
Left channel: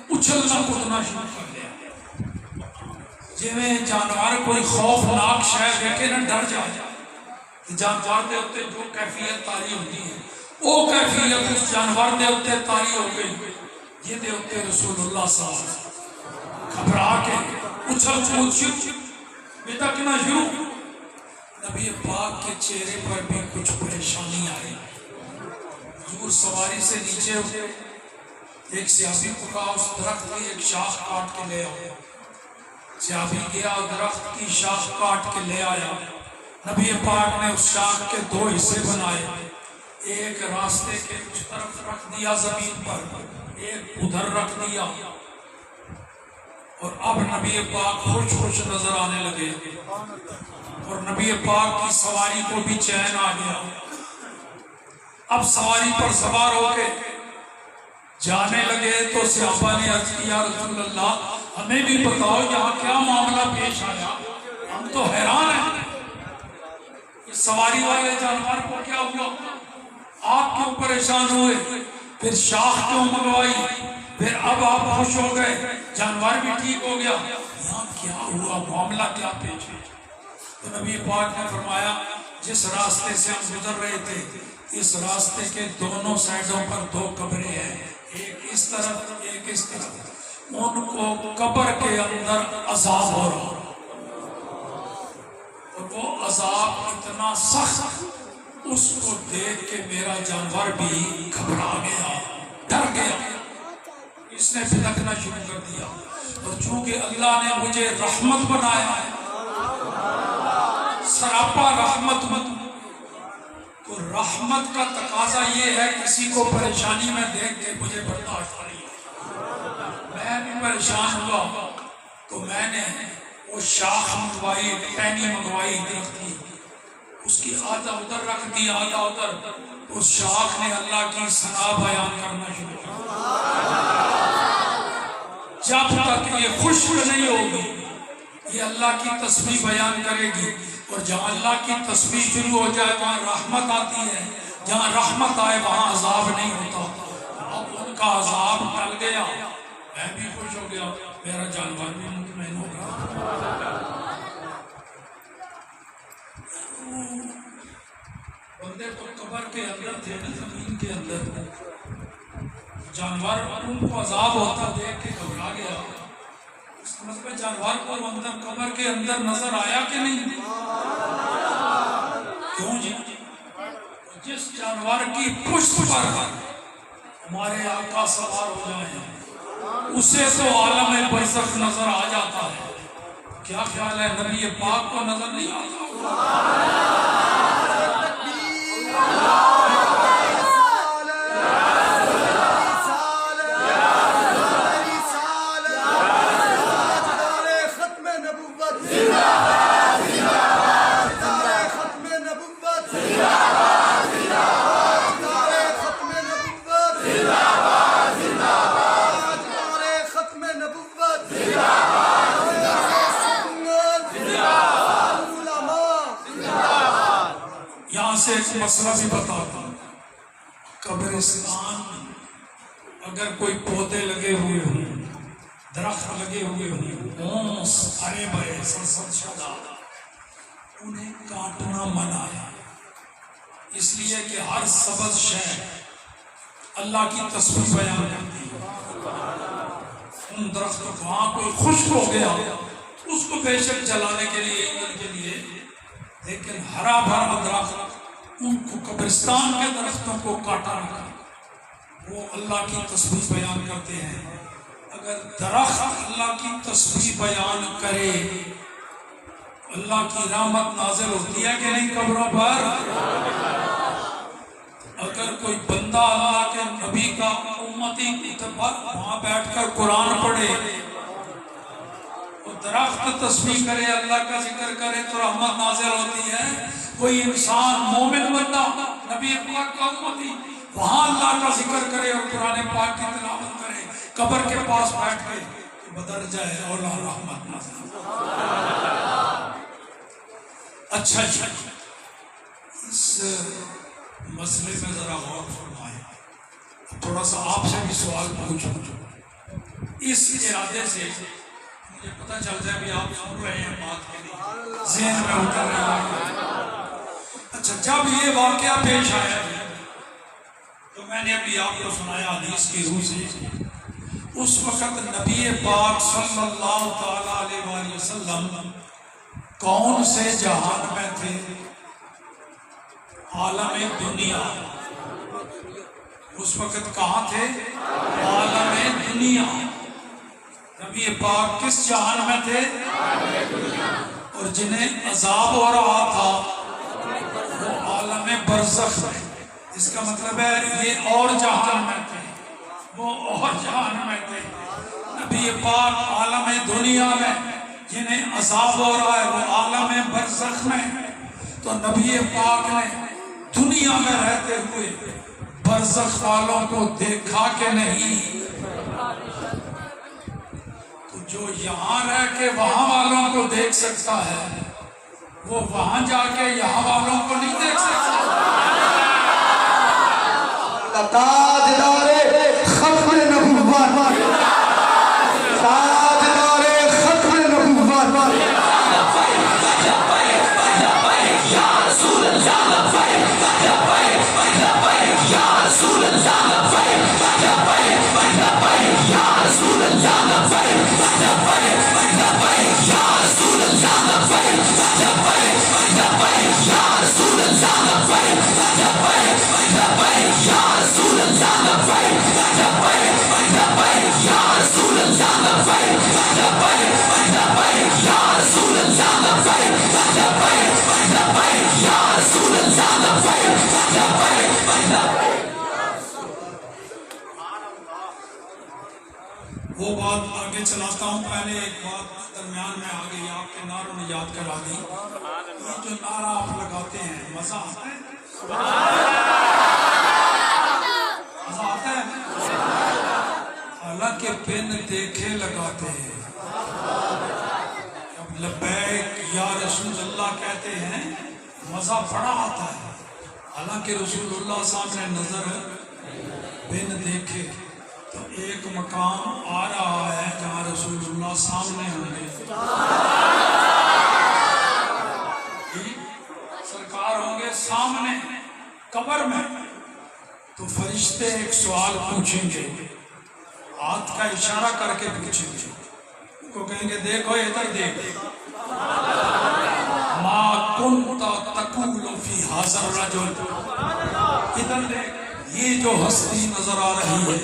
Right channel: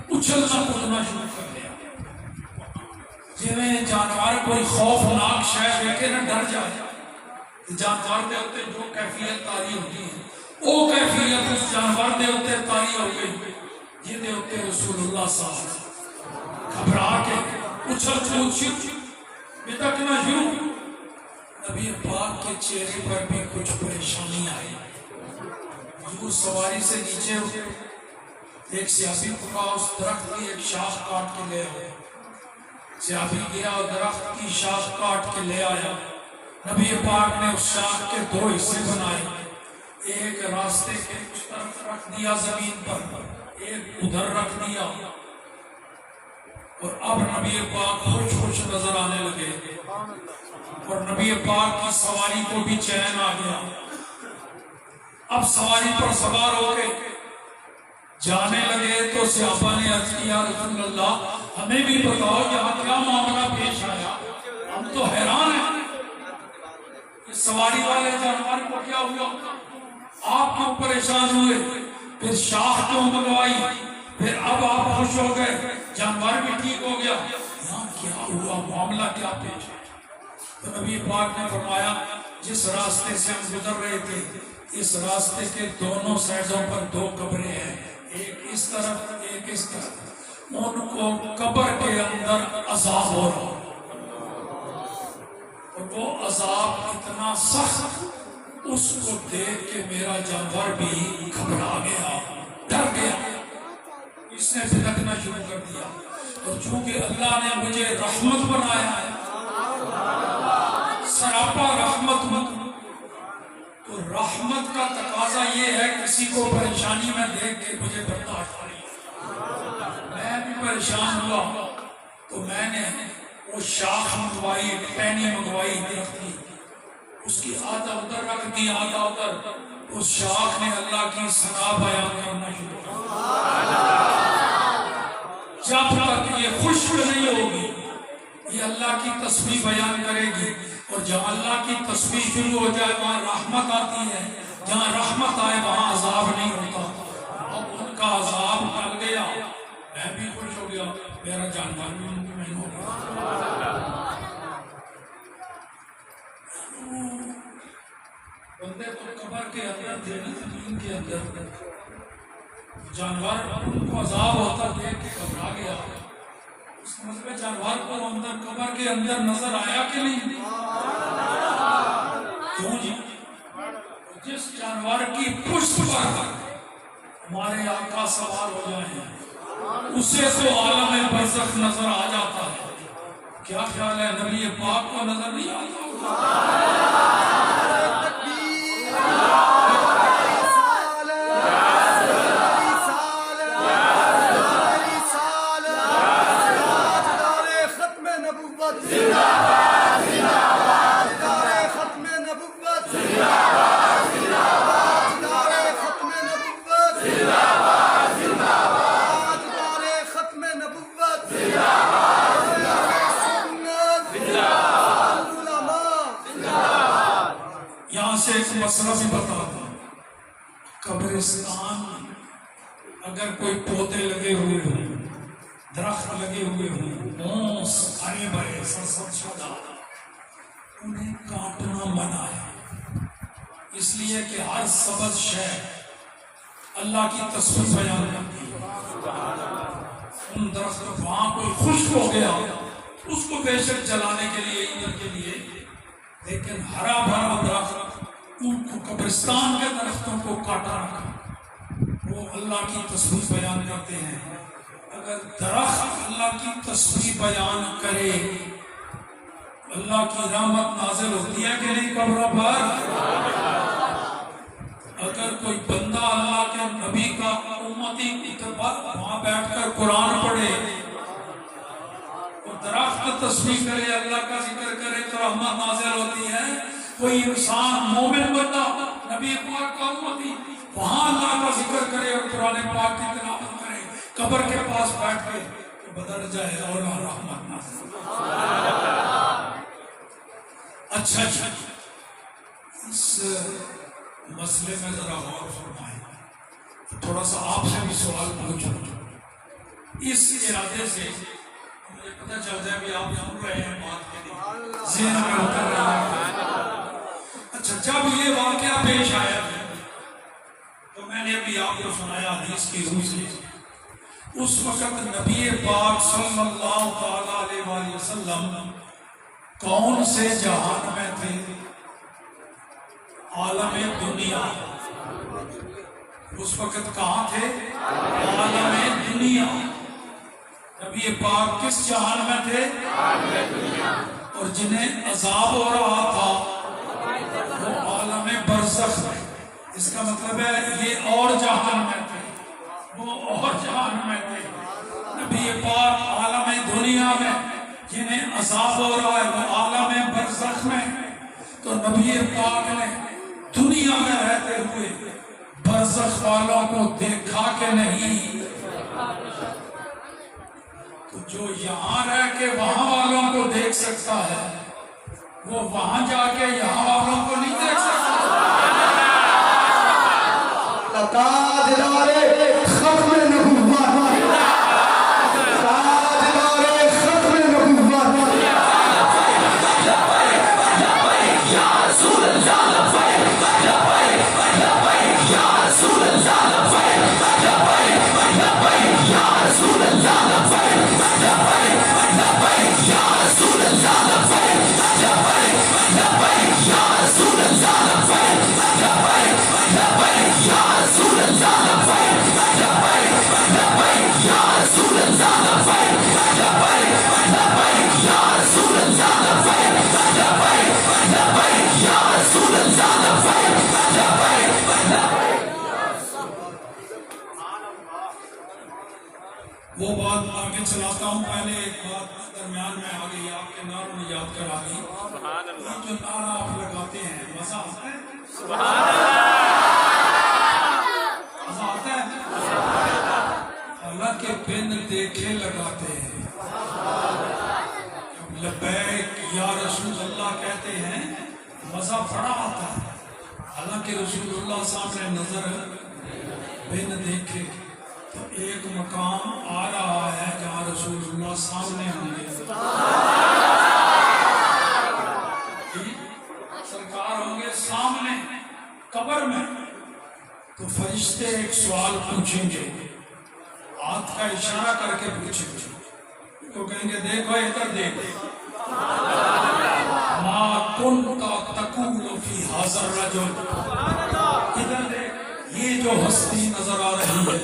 اچھلنا کودنا شروع کر دیا، جویں جانور کوئی خوفناک شے دیکھے نہ ڈر جائے۔ جانور دے اوتے جو کیفیت تاری ہوتی ہے وہ کیفیت اس جانور دے اوتے تاری ہو گئی، جن دے اوتے رسول اللہ صاحب گھبرا کے اچھل کود بھی تکنا شروع۔ نبی پاک کے چہرے پر بھی کچھ پریشانی آئی، حضور سواری سے نیچے ہوئے، ایک صحابی کو اس درخت کی ایک شاخ کاٹ کے لے آئے، صحابی گیا درخت کی شاخ کاٹ کے لے آیا۔ نبی پاک نے اس شاخ کے دو حصے بنائے، ایک راستے کے اس طرف رکھ دیا زمین پر، ایک ادھر رکھ دیا، اور اب نبی پاک خوش خوش نظر آنے لگے، اور نبی پاک کی سواری کو بھی چین آ گیا۔ اب سواری پر سوار ہو کے جانے لگے تو صحابہ نے عرض کیا یا رسول اللہ ہمیں بھی بتاؤ یہاں کیا معاملہ پیش آیا، ہم تو حیران ہیں، سواری والے جانور کو کیا ہوا، آپ کیوں پریشان ہوئے، پھر شاخ کیوں منگوائی، پھر اب آپ خوش ہو گئے، جانور بھی ٹھیک ہو گیا، یہاں کیا ہوا، معاملہ کیا پیش ہے؟ تو نبی پاک نے فرمایا جس راستے سے ہم گزر رہے تھے اس راستے کے دونوں سائڈوں پر دو قبریں ہیں، ایک اس طرف ایک اس طرف، ان کو قبر کے اندر عذاب ہو رہا، اور وہ عذاب اتنا سخت، اس کو دیکھ کے میرا جانور بھی گھبرا گیا، ڈر گیا، اس نے پھدکنا شروع کر دیا۔ اور چونکہ اللہ نے مجھے رحمت بنایا ہے، سراپا رحمت، تو رحمت کا تقاضا یہ ہے کسی کو پریشانی میں دیکھ کے مجھے برداشت نہیں، میں بھی پریشان ہوا تو میں نے وہ شاخ منگوائی، ٹہنی منگوائی درخت کی، اس کی آدھا ادھر رکھ دی آدھا ادھر، اس شاخ نے اللہ کی ثنا بیان کرنا شروع کیا۔ جب تک یہ خشک نہیں ہوگی یہ اللہ کی تسبیح بیان کرے گی، اور جہاں اللہ کی تسبیح شروع ہو جائے وہاں رحمت آتی ہے، جہاں رحمت آئے وہاں عذاب نہیں ہوتا۔ اب ان کا عذاب ٹل گیا، میں بھی خوش ہو گیا، میرا جانور بھی مطمئن ہو گیا۔ بندے تو قبر کے اندر تھے، زمین کے اندر، جانور ان کو عذاب ہوتا دیکھ کے گھبرا گیا، اس مطلب جانور کو اندر قبر کے اندر نظر آیا کہ نہیں؟ کیوں جی؟ جس جانور کی پشت پر ہمارے آقا سوار ہو جائیں اسے تو عالم برزخ نظر آ جاتا ہے، کیا خیال ہے نبی پاک کو نظر نہیں آتا؟ مسئلہ بھی بتا دوں، قبرستان اگر کوئی پودے لگے ہوئے ہوں، درخت لگے ہوئے ہوں، ہرے بھرے سرسبز، انہیں کاٹنا منع ہے، اس لیے کہ ہر سبز شے اللہ کی تسبیح بیان کرتی ہے۔ ان درختوں کو وہاں کوئی خشک ہو گیا اس کو بے شک جلانے کے لیے ایندھن کے لیے، لیکن ہرا بھرا درخت ان کو قبرستان کے درختوں کو کاٹا رکھا، وہ اللہ کی تسبیح بیان کرتے ہیں۔ اگر درخت اللہ کی تسبیح بیان کرے اللہ کی رحمت نازل ہوتی ہے کہ نہیں قبروں پر؟ اگر کوئی بندہ اللہ کے نبی کا امتی وہاں بیٹھ کر قرآن پڑھے اور درخت تسبیح کرے، اللہ کا ذکر کرے تو رحمت نازل ہوتی ہے۔ کوئی انسان مومن بندہ نبی پاک کا امتی وہاں اللہ کا ذکر کرے اور قرآن پاک کی تلاوت کرے، قبر کے پاس بیٹھ کے تو بدل جائے اور رحمت نازل۔ اچھا جی، اس مسئلے میں ذرا غور فرمائیں، تھوڑا سا آپ سے بھی سوال پوچھوں، اس ارادے سے مجھے پتہ چل جائے بھی آپ سن رہے ہیں بات کے لیے، ذہن میں اتر رہا ہے۔ اچھا، جب یہ واقعہ پیش آیا تو میں نے ابھی آپ کو سنایا حدیث کی روح سے، اس وقت نبی پاک صلی اللہ تعالیٰ علیہ وآلہ وسلم کون سے جہان میں تھے؟ عالم دنیا۔ اس وقت کہاں تھے؟ عالم دنیا۔ نبی پاک کس جہان میں تھے؟ اور جنہیں عذاب ہو رہا تھا وہ عالم برزخ میں۔ اس کا مطلب ہے یہ اور جہان میں تھے، وہ اور جہان میں تھے۔ نبی پاک عالم دنیا میں، جنہیں عذاب ہو رہا ہے وہ عالم برزخ میں۔ تو نبی پاک نے دنیا میں رہتے ہوئے برزخ والوں کو دیکھا کہ نہیں؟ تو جو یہاں رہ کے وہاں والوں کو دیکھ سکتا ہے وہ وہاں جا کے یہاں والوں کو نہیں دیکھ سکتا۔ تاجدار ختم نبوت، تاجدار ختم نبوت، یا رسول اللہ لبیک، لبیک یا رسول اللہ لبیک، لبیک یا رسول اللہ لبیک، لبیک یا رسول اللہ لبیک، لبیک یا رسول اللہ لبیک، لبیک یا رسول اللہ لبیک، لبیک یا رسول اللہ لبیک، لبیک یا رسول اللہ لبیک، لبیک یا رسول اللہ لبیک، وہ بات آگے چلاتا ہوں، پہلے ایک بات درمیان میں آ گئی، آپ کے نعروں نے یاد کرا دی۔ یہ جو نعرہ آپ لگاتے ہیں مزہ آتا ہے؟ مزہ آتا ہے؟ حالانکہ بن دیکھے لگاتے ہیں۔ جب لبیک یا رسول اللہ کہتے ہیں مزہ بڑا آتا ہے، حالانکہ رسول اللہ سامنے نظر بن دیکھے۔ تو ایک مقام آ رہا ہے جہاں رسول اللہ سامنے ہوں گے، سرکار ہوں گے سامنے قبر میں۔ تو فرشتے ایک سوال پوچھیں گے، ہاتھ کا اشارہ کر کے پوچھیں گے، تو کہیں گے دیکھو ادھر دیکھ، ما کنت تقول فی ھذا الرجل، ادھر دیکھ، یہ جو ہستی نظر آ رہی ہے،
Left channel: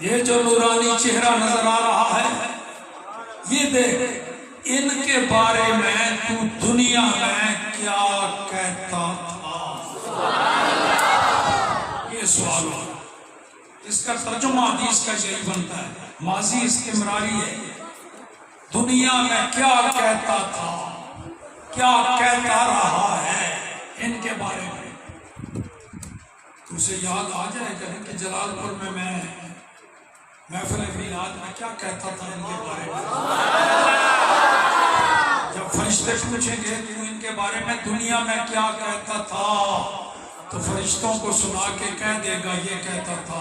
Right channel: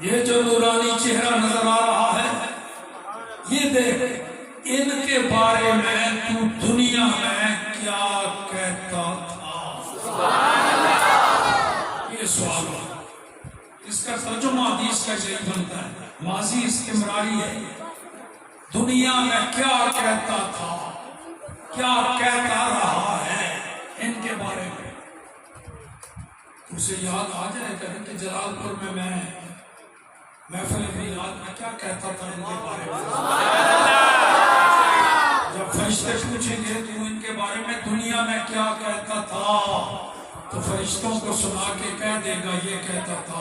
یہ جو نورانی چہرہ نظر آ رہا ہے، یہ دیکھ، ان کے بارے میں تو دنیا میں کیا کہتا تھا؟ یہ سوال ہے، اس کا ترجمہ حدیث کا یہی بنتا ہے، ماضی استمراری ہے۔ دنیا میں کیا کہتا تھا، کیا کہتا رہا ہے ان کے بارے میں؟ تو اسے یاد آ جائے گا کہ جلال پور میں محفل میلاد میں کیا کہتا تھا ان کے بارے میں۔ جب فرشتے پوچھیں گے تو ان کے بارے میں دنیا میں کیا کہتا تھا، تو فرشتوں کو سنا کے کہہ دے گا یہ کہتا تھا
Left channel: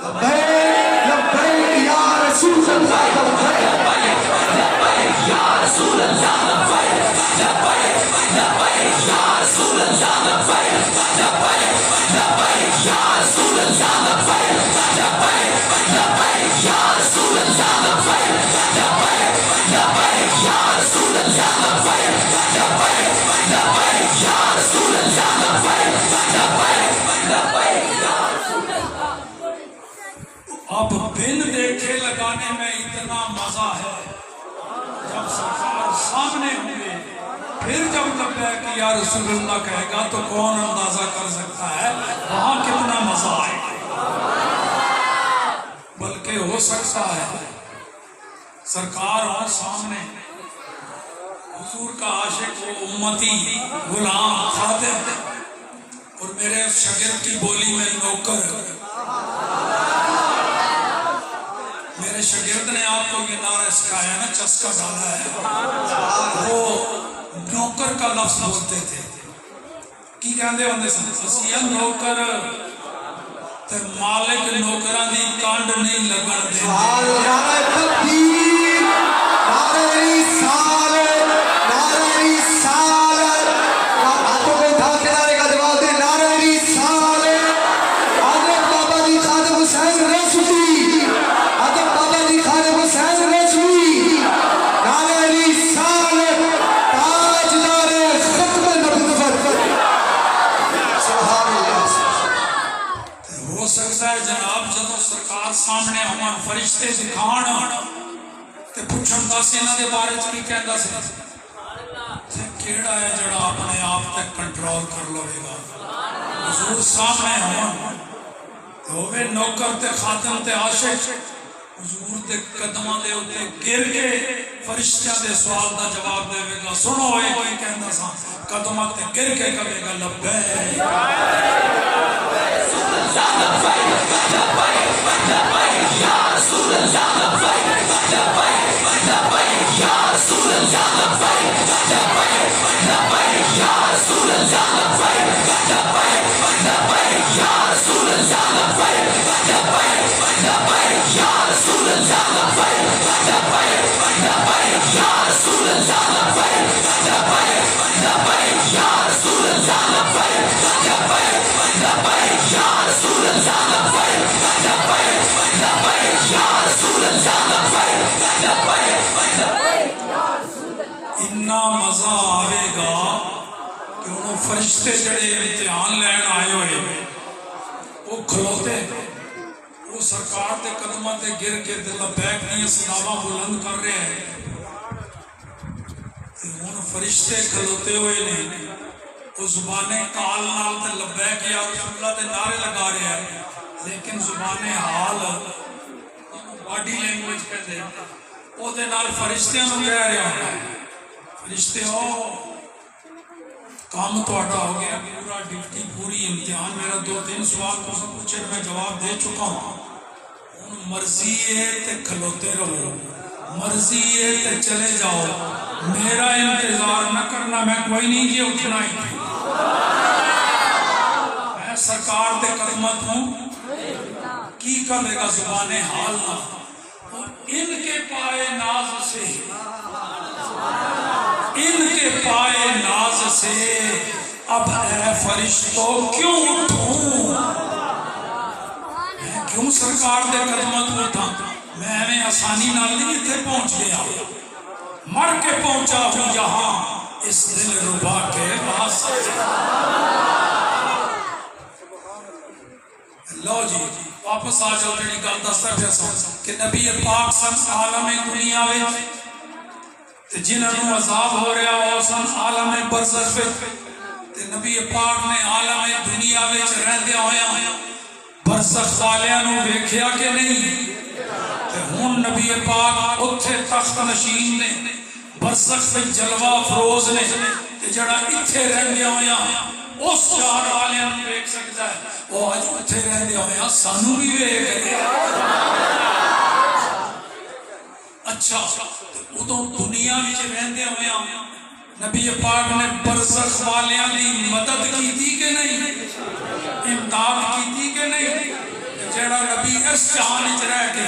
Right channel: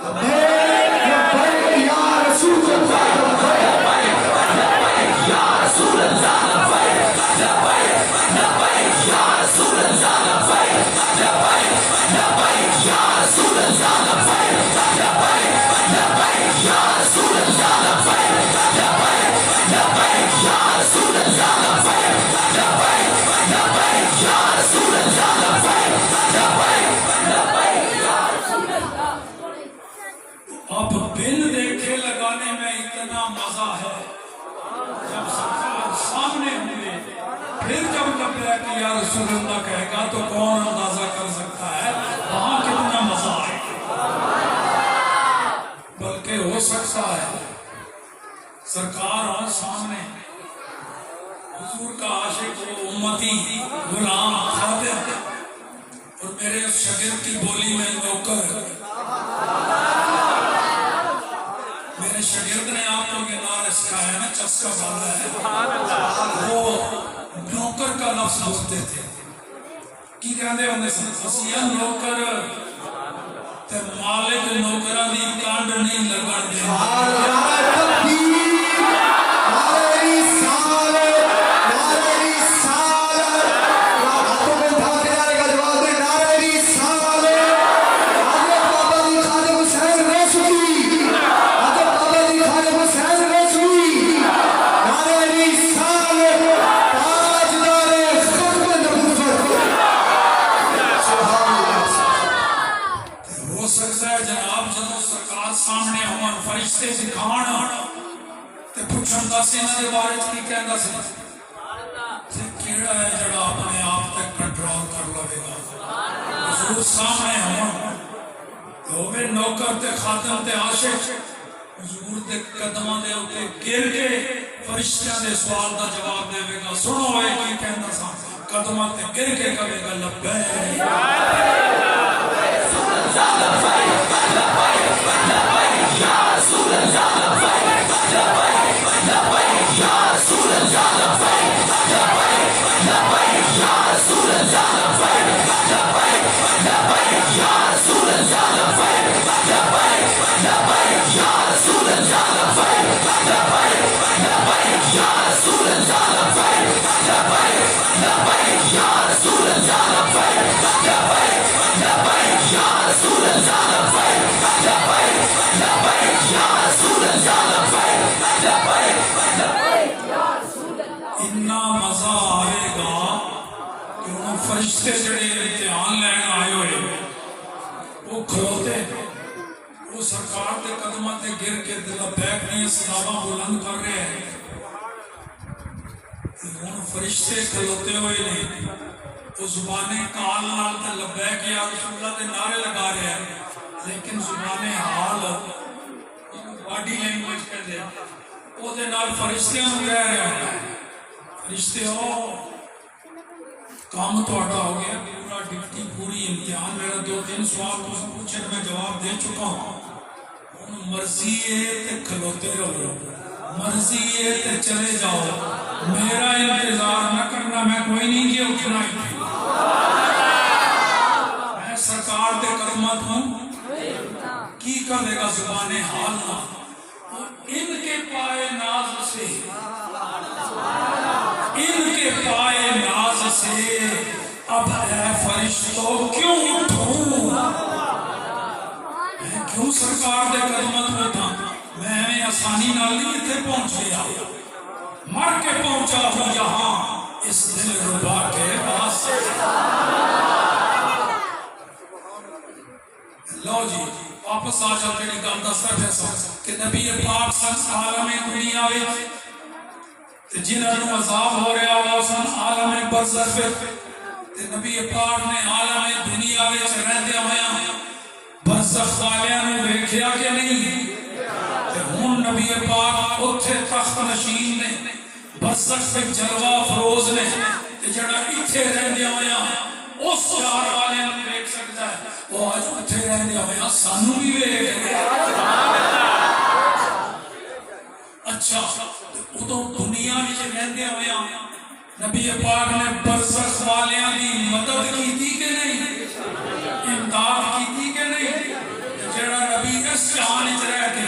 لبیک لبیک یا رسول اللہ لبیک لبیک یا رسول اللہ لبیک لبیک لبیک یا رسول اللہ لبیک لبیک لبیک یا رسول اللہ لبیک لبیک لبیک یا رسول اللہ لبیک لبیک لبیک یا رسول اللہ لبیک لبیک لبیک یا رسول اللہ لبیک لبیک لبیک یا رسول اللہ. اب بن دیکھے لگانے میں اتنا مزہ ہے جب سرکار سامنے ہوئے پھر جب لبیک یا رسول اللہ کہے گا تو کون اندازہ کر سکتا ہے وہاں کتنا مزہ آئے گا. بلکہ ہو سکتا ہے سرکار اور سامنے حضور کا عاشق و امتی غلام خادم اور میرے شاگرد کی بولی میں نوکر. میرے شاگرد نے آپ کو یہ نعرہ سکھایا نا چسکا ڈالا ہے وہ نوکر کا لفظ بولتے تھے کی کہندے ہوندے سن اسی نوکر تے مالک نوکراں دی کانڈ نہیں لگن دے. نعرہ تکبیر نعرہ رسالت نعرہ رسالت ہاتھوں کو اٹھا کے نعرے کا جواب دے نعرہ رسالت حضرت بابا جی خادم حسین رضوی حضرت بابا جی خادم حسین رضوی نعرہ رسالت تاجدار ختم نبوت. سبحان اللہ. ہو سکتا ہے جناب جدو سرکار سامنے ہون فرشتے دکھان تے پوچھن دس انہاں دے بارے وچ کی کہندا سی تے کیڑا ہے جڑا اپنے آپ تک کنٹرول کر لوے گا. حضور سامنے ہون تے ہوے نوکر تے خادم تے عاشق حضور دے قدماں دے اوتے گر کے فرشتیاں دے سوال دا جواب دے گا. سنو اے کی کہندا سا قدماں تے گر کے کہے گا لبیک اتنا مزہ آئے گا کہ انہوں فرشتے جڑے امتحان لین آئے ہوئے وہ کھلوتے وہ سرکار دے قدمہ تے گر کے لبیک نہیں سلاما بلند کر رہے ہیں. انہوں فرشتے کھلوتے ہوئے نہیں وہ زبانیں کال نال تے لبیک یا رسول اللہ دے نعرے لگا رہے ہیں لیکن زبانیں حال باڈی لینگویج کہتے ہیں وہ دے نال فرشتیاں نو کہہ رہے ہوتا ہے فرشتے ہو کام تو اٹھا ہو گیا پورا ڈیوٹی پوری امتحان میرا 2-3 سوال کو سب پوچھے میں جواب دے چکا ہوں. مرضی ہے تے کھلوتے رہو مرضی ہے تے چلے جاؤ میرا انتظار نہ کرنا میں کوئی نہیں کیا اٹھنا ہی میں سرکار دے قدمت ہوں کی کر دے گا زبان حال نہ ان کے پائے ناز سے ان کے پائے ناز سے اب اے فرشتوں کیوں اٹھوں میں کیوں سرکار دے قدمت اٹھا میں ہمیں آسانی نہ نہیں تھے پہنچ گیا مر کے پہنچا ہوں یہاں اس دل ربا کے پاس. لو جی واپس آ جاؤ جڑی گل دستا پیا سا کہ نبی پاک سن عالم دنیا وچ تے جنہاں نوں عذاب ہو رہا ہو سن عالم برزخ تے نبی پاک نے عالم دنیا وچ رہندے ہویا برزخ والیاں نوں ویکھیا کہ نہیں تے ہن نبی پاک اوتھے تخت نشین نے برزخ وچ جلوہ افروز نے تے جڑا ایتھے رہندے ہویا اس چار والیاں نوں ویکھ سکدا ہے وہ اج اوتھے رہندے ہویا سانوں بھی ویکھ. اچھا ادو دنیا وچ رہندے ہویا نبی پاک نے برزخ والیاں دی مدد کیتی کہ نہیں اس جہان وچ رہ کے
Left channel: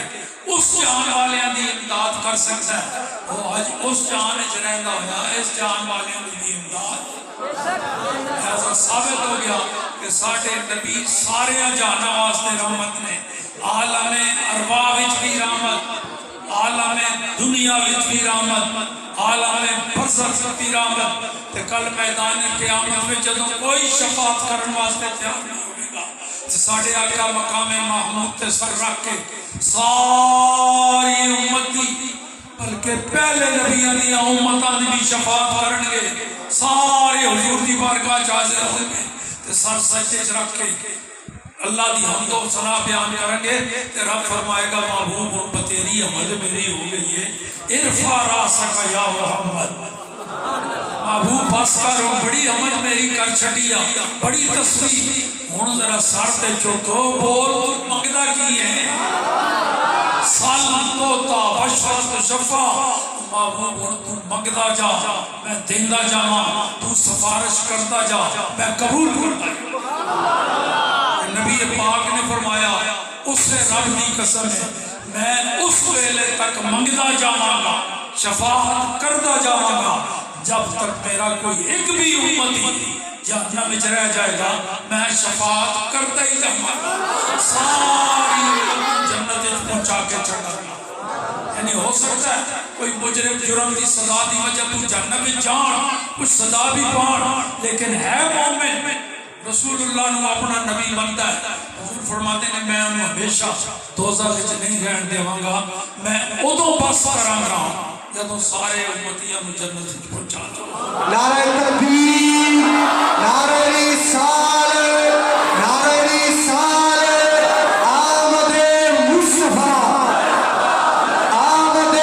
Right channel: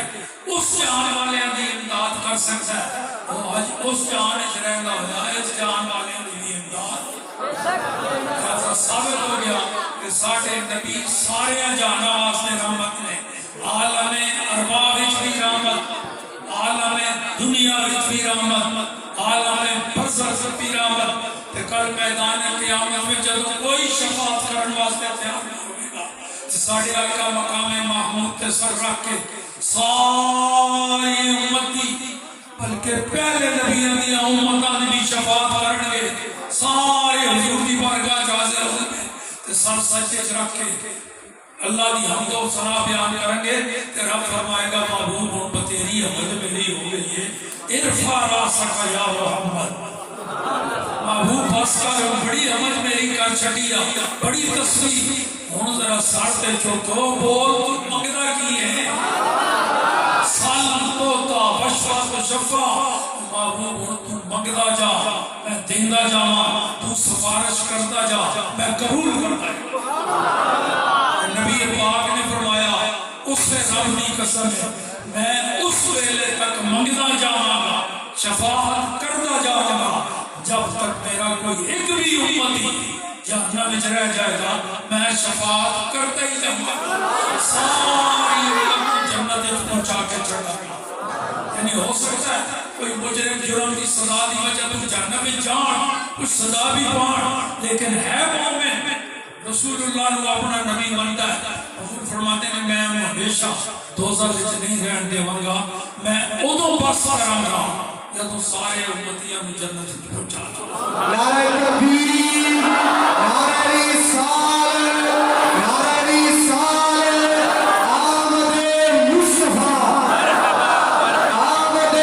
اس جہان والیاں دی امداد کر سکتا ہے، وہ اج اس جہان وچ رہندا ہویا اس جہان والیاں دی امداد ایسا ثابت ہو گیا کہ ساڈے نبی سارے جہاناں واسطے رحمت نے، عالم ارواح وچ بھی رحمت، عالم دنیا وچ بھی رحمت، عالم برزخ وچ بھی رحمت، تے کل میدان قیامت میں جدوں کوئی شفاعت کرن واسطے تیار نہیں ہوے گا تے ساڈے آقا مقام محمود تے سر رکھ کے ساری امت دی بلکہ پہلے نبیوں دی امتاں دی بھی شفاعت کرن گے، سارے حضور دی بارگاہ وچ حاضر ہون گے تے سر سجدے وچ رکھ کے اللہ دی حمد و ثنا بیان کریں گے تے رب فرمائے گا محبوب ہن تیری حمد میری ہو گئی ہے، ارفع راسک یا محمد، محبوب بس کر بڑی حمد میری کر چھڈی آ، بڑی تسبیح، ہن ذرا سر تے چوکو بول تو منگدا کی ہے، سال تو تا بشفت شفا، محبوب ہن تو منگدا جا میں دیندا جاواں، تو سفارش کرتا جا میں قبول کرتا جا۔ نبی پاک نے فرمایا اس سے رب کی قسم ہے میں اس ویلے تک منگدا جاواں گا، شفاعت کردا جاواں گا جب تک میرا کوئی ایک بھی امتی جہنم وچ رہ جائے گا، میں شفاعت کرتا ہی جاواں گا، ساری امت جنت وچ پہنچا کے چڑھا گا۔ یعنی ہو سکتا ہے کوئی مجرم جرم کی سزا دی وجہ تو جہنم وچ جان کچھ سزا بھی پان، لیکن ہے مومن، رسول اللہ نے اپنا نبی منتا ہے، حضور فرماتے ہیں میں ہمیشہ دوزخ وچ نہیں رہن دیواں گا، میں ادوں بس کراں گا جدوں سارے امتیاں نوں جنت وچ پہنچا دوں۔ نعرہ تکبیر، نعرہ رسالت، نعرہ رسالت، آمد مصطفیٰ، آمد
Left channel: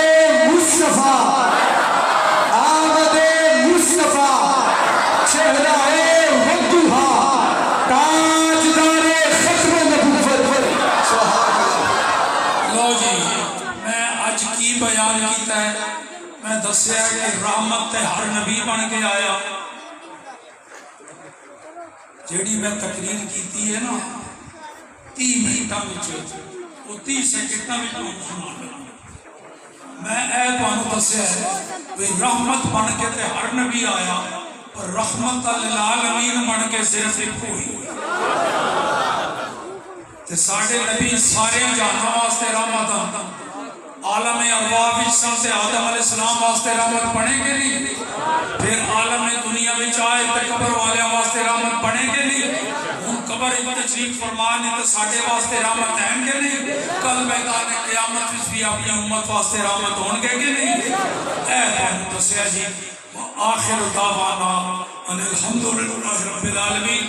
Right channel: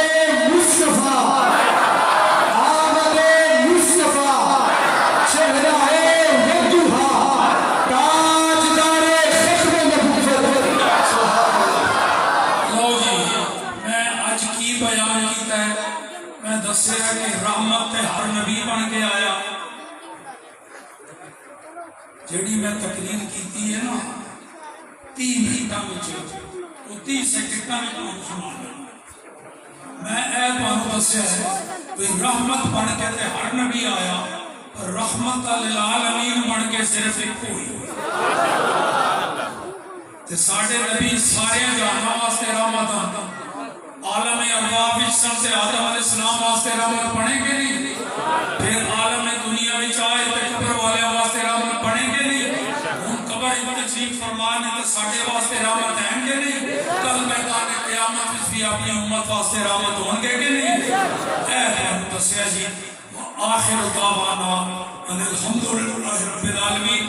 مصطفیٰ، آمد مصطفیٰ، چہرہ تاجدار ختم نبوت۔ لو جی میں اج کی بیان کیتا ہے، میں دسیا کہ رحمت تے ہر نبی بن کے آیا، جیڑی میں تقریر کیتی ہے نا 30 منٹاں وچ وہ 30 سیکنڈاں وچ سنا دوں، میں اے تانوں دسیا ہے کہ رحمت بن کے تے ہر نبی آیا، رحمت للعالمین بن کے صرف ایک ہوئی تے ساڈے نبی سارے جہاناں واسطے رحمت آندا، عالم ارواح وچ سن تے آدم علیہ السلام واسطے رحمت بنے گے نہیں، پھر عالم دنیا وچ آئے تے قبر والے واسطے رحمت بنے گے نہیں، ہن قبر تشریف فرما نے تے ساڈے واسطے رحمت ہیں گے نہیں، کل میدان قیامت وچ بھی اپنی امت واسطے رحمت ہون گے کہ نہیں۔ اے تانوں دسیا جی آخر دعوانا ان الحمدللہ رب العالمین۔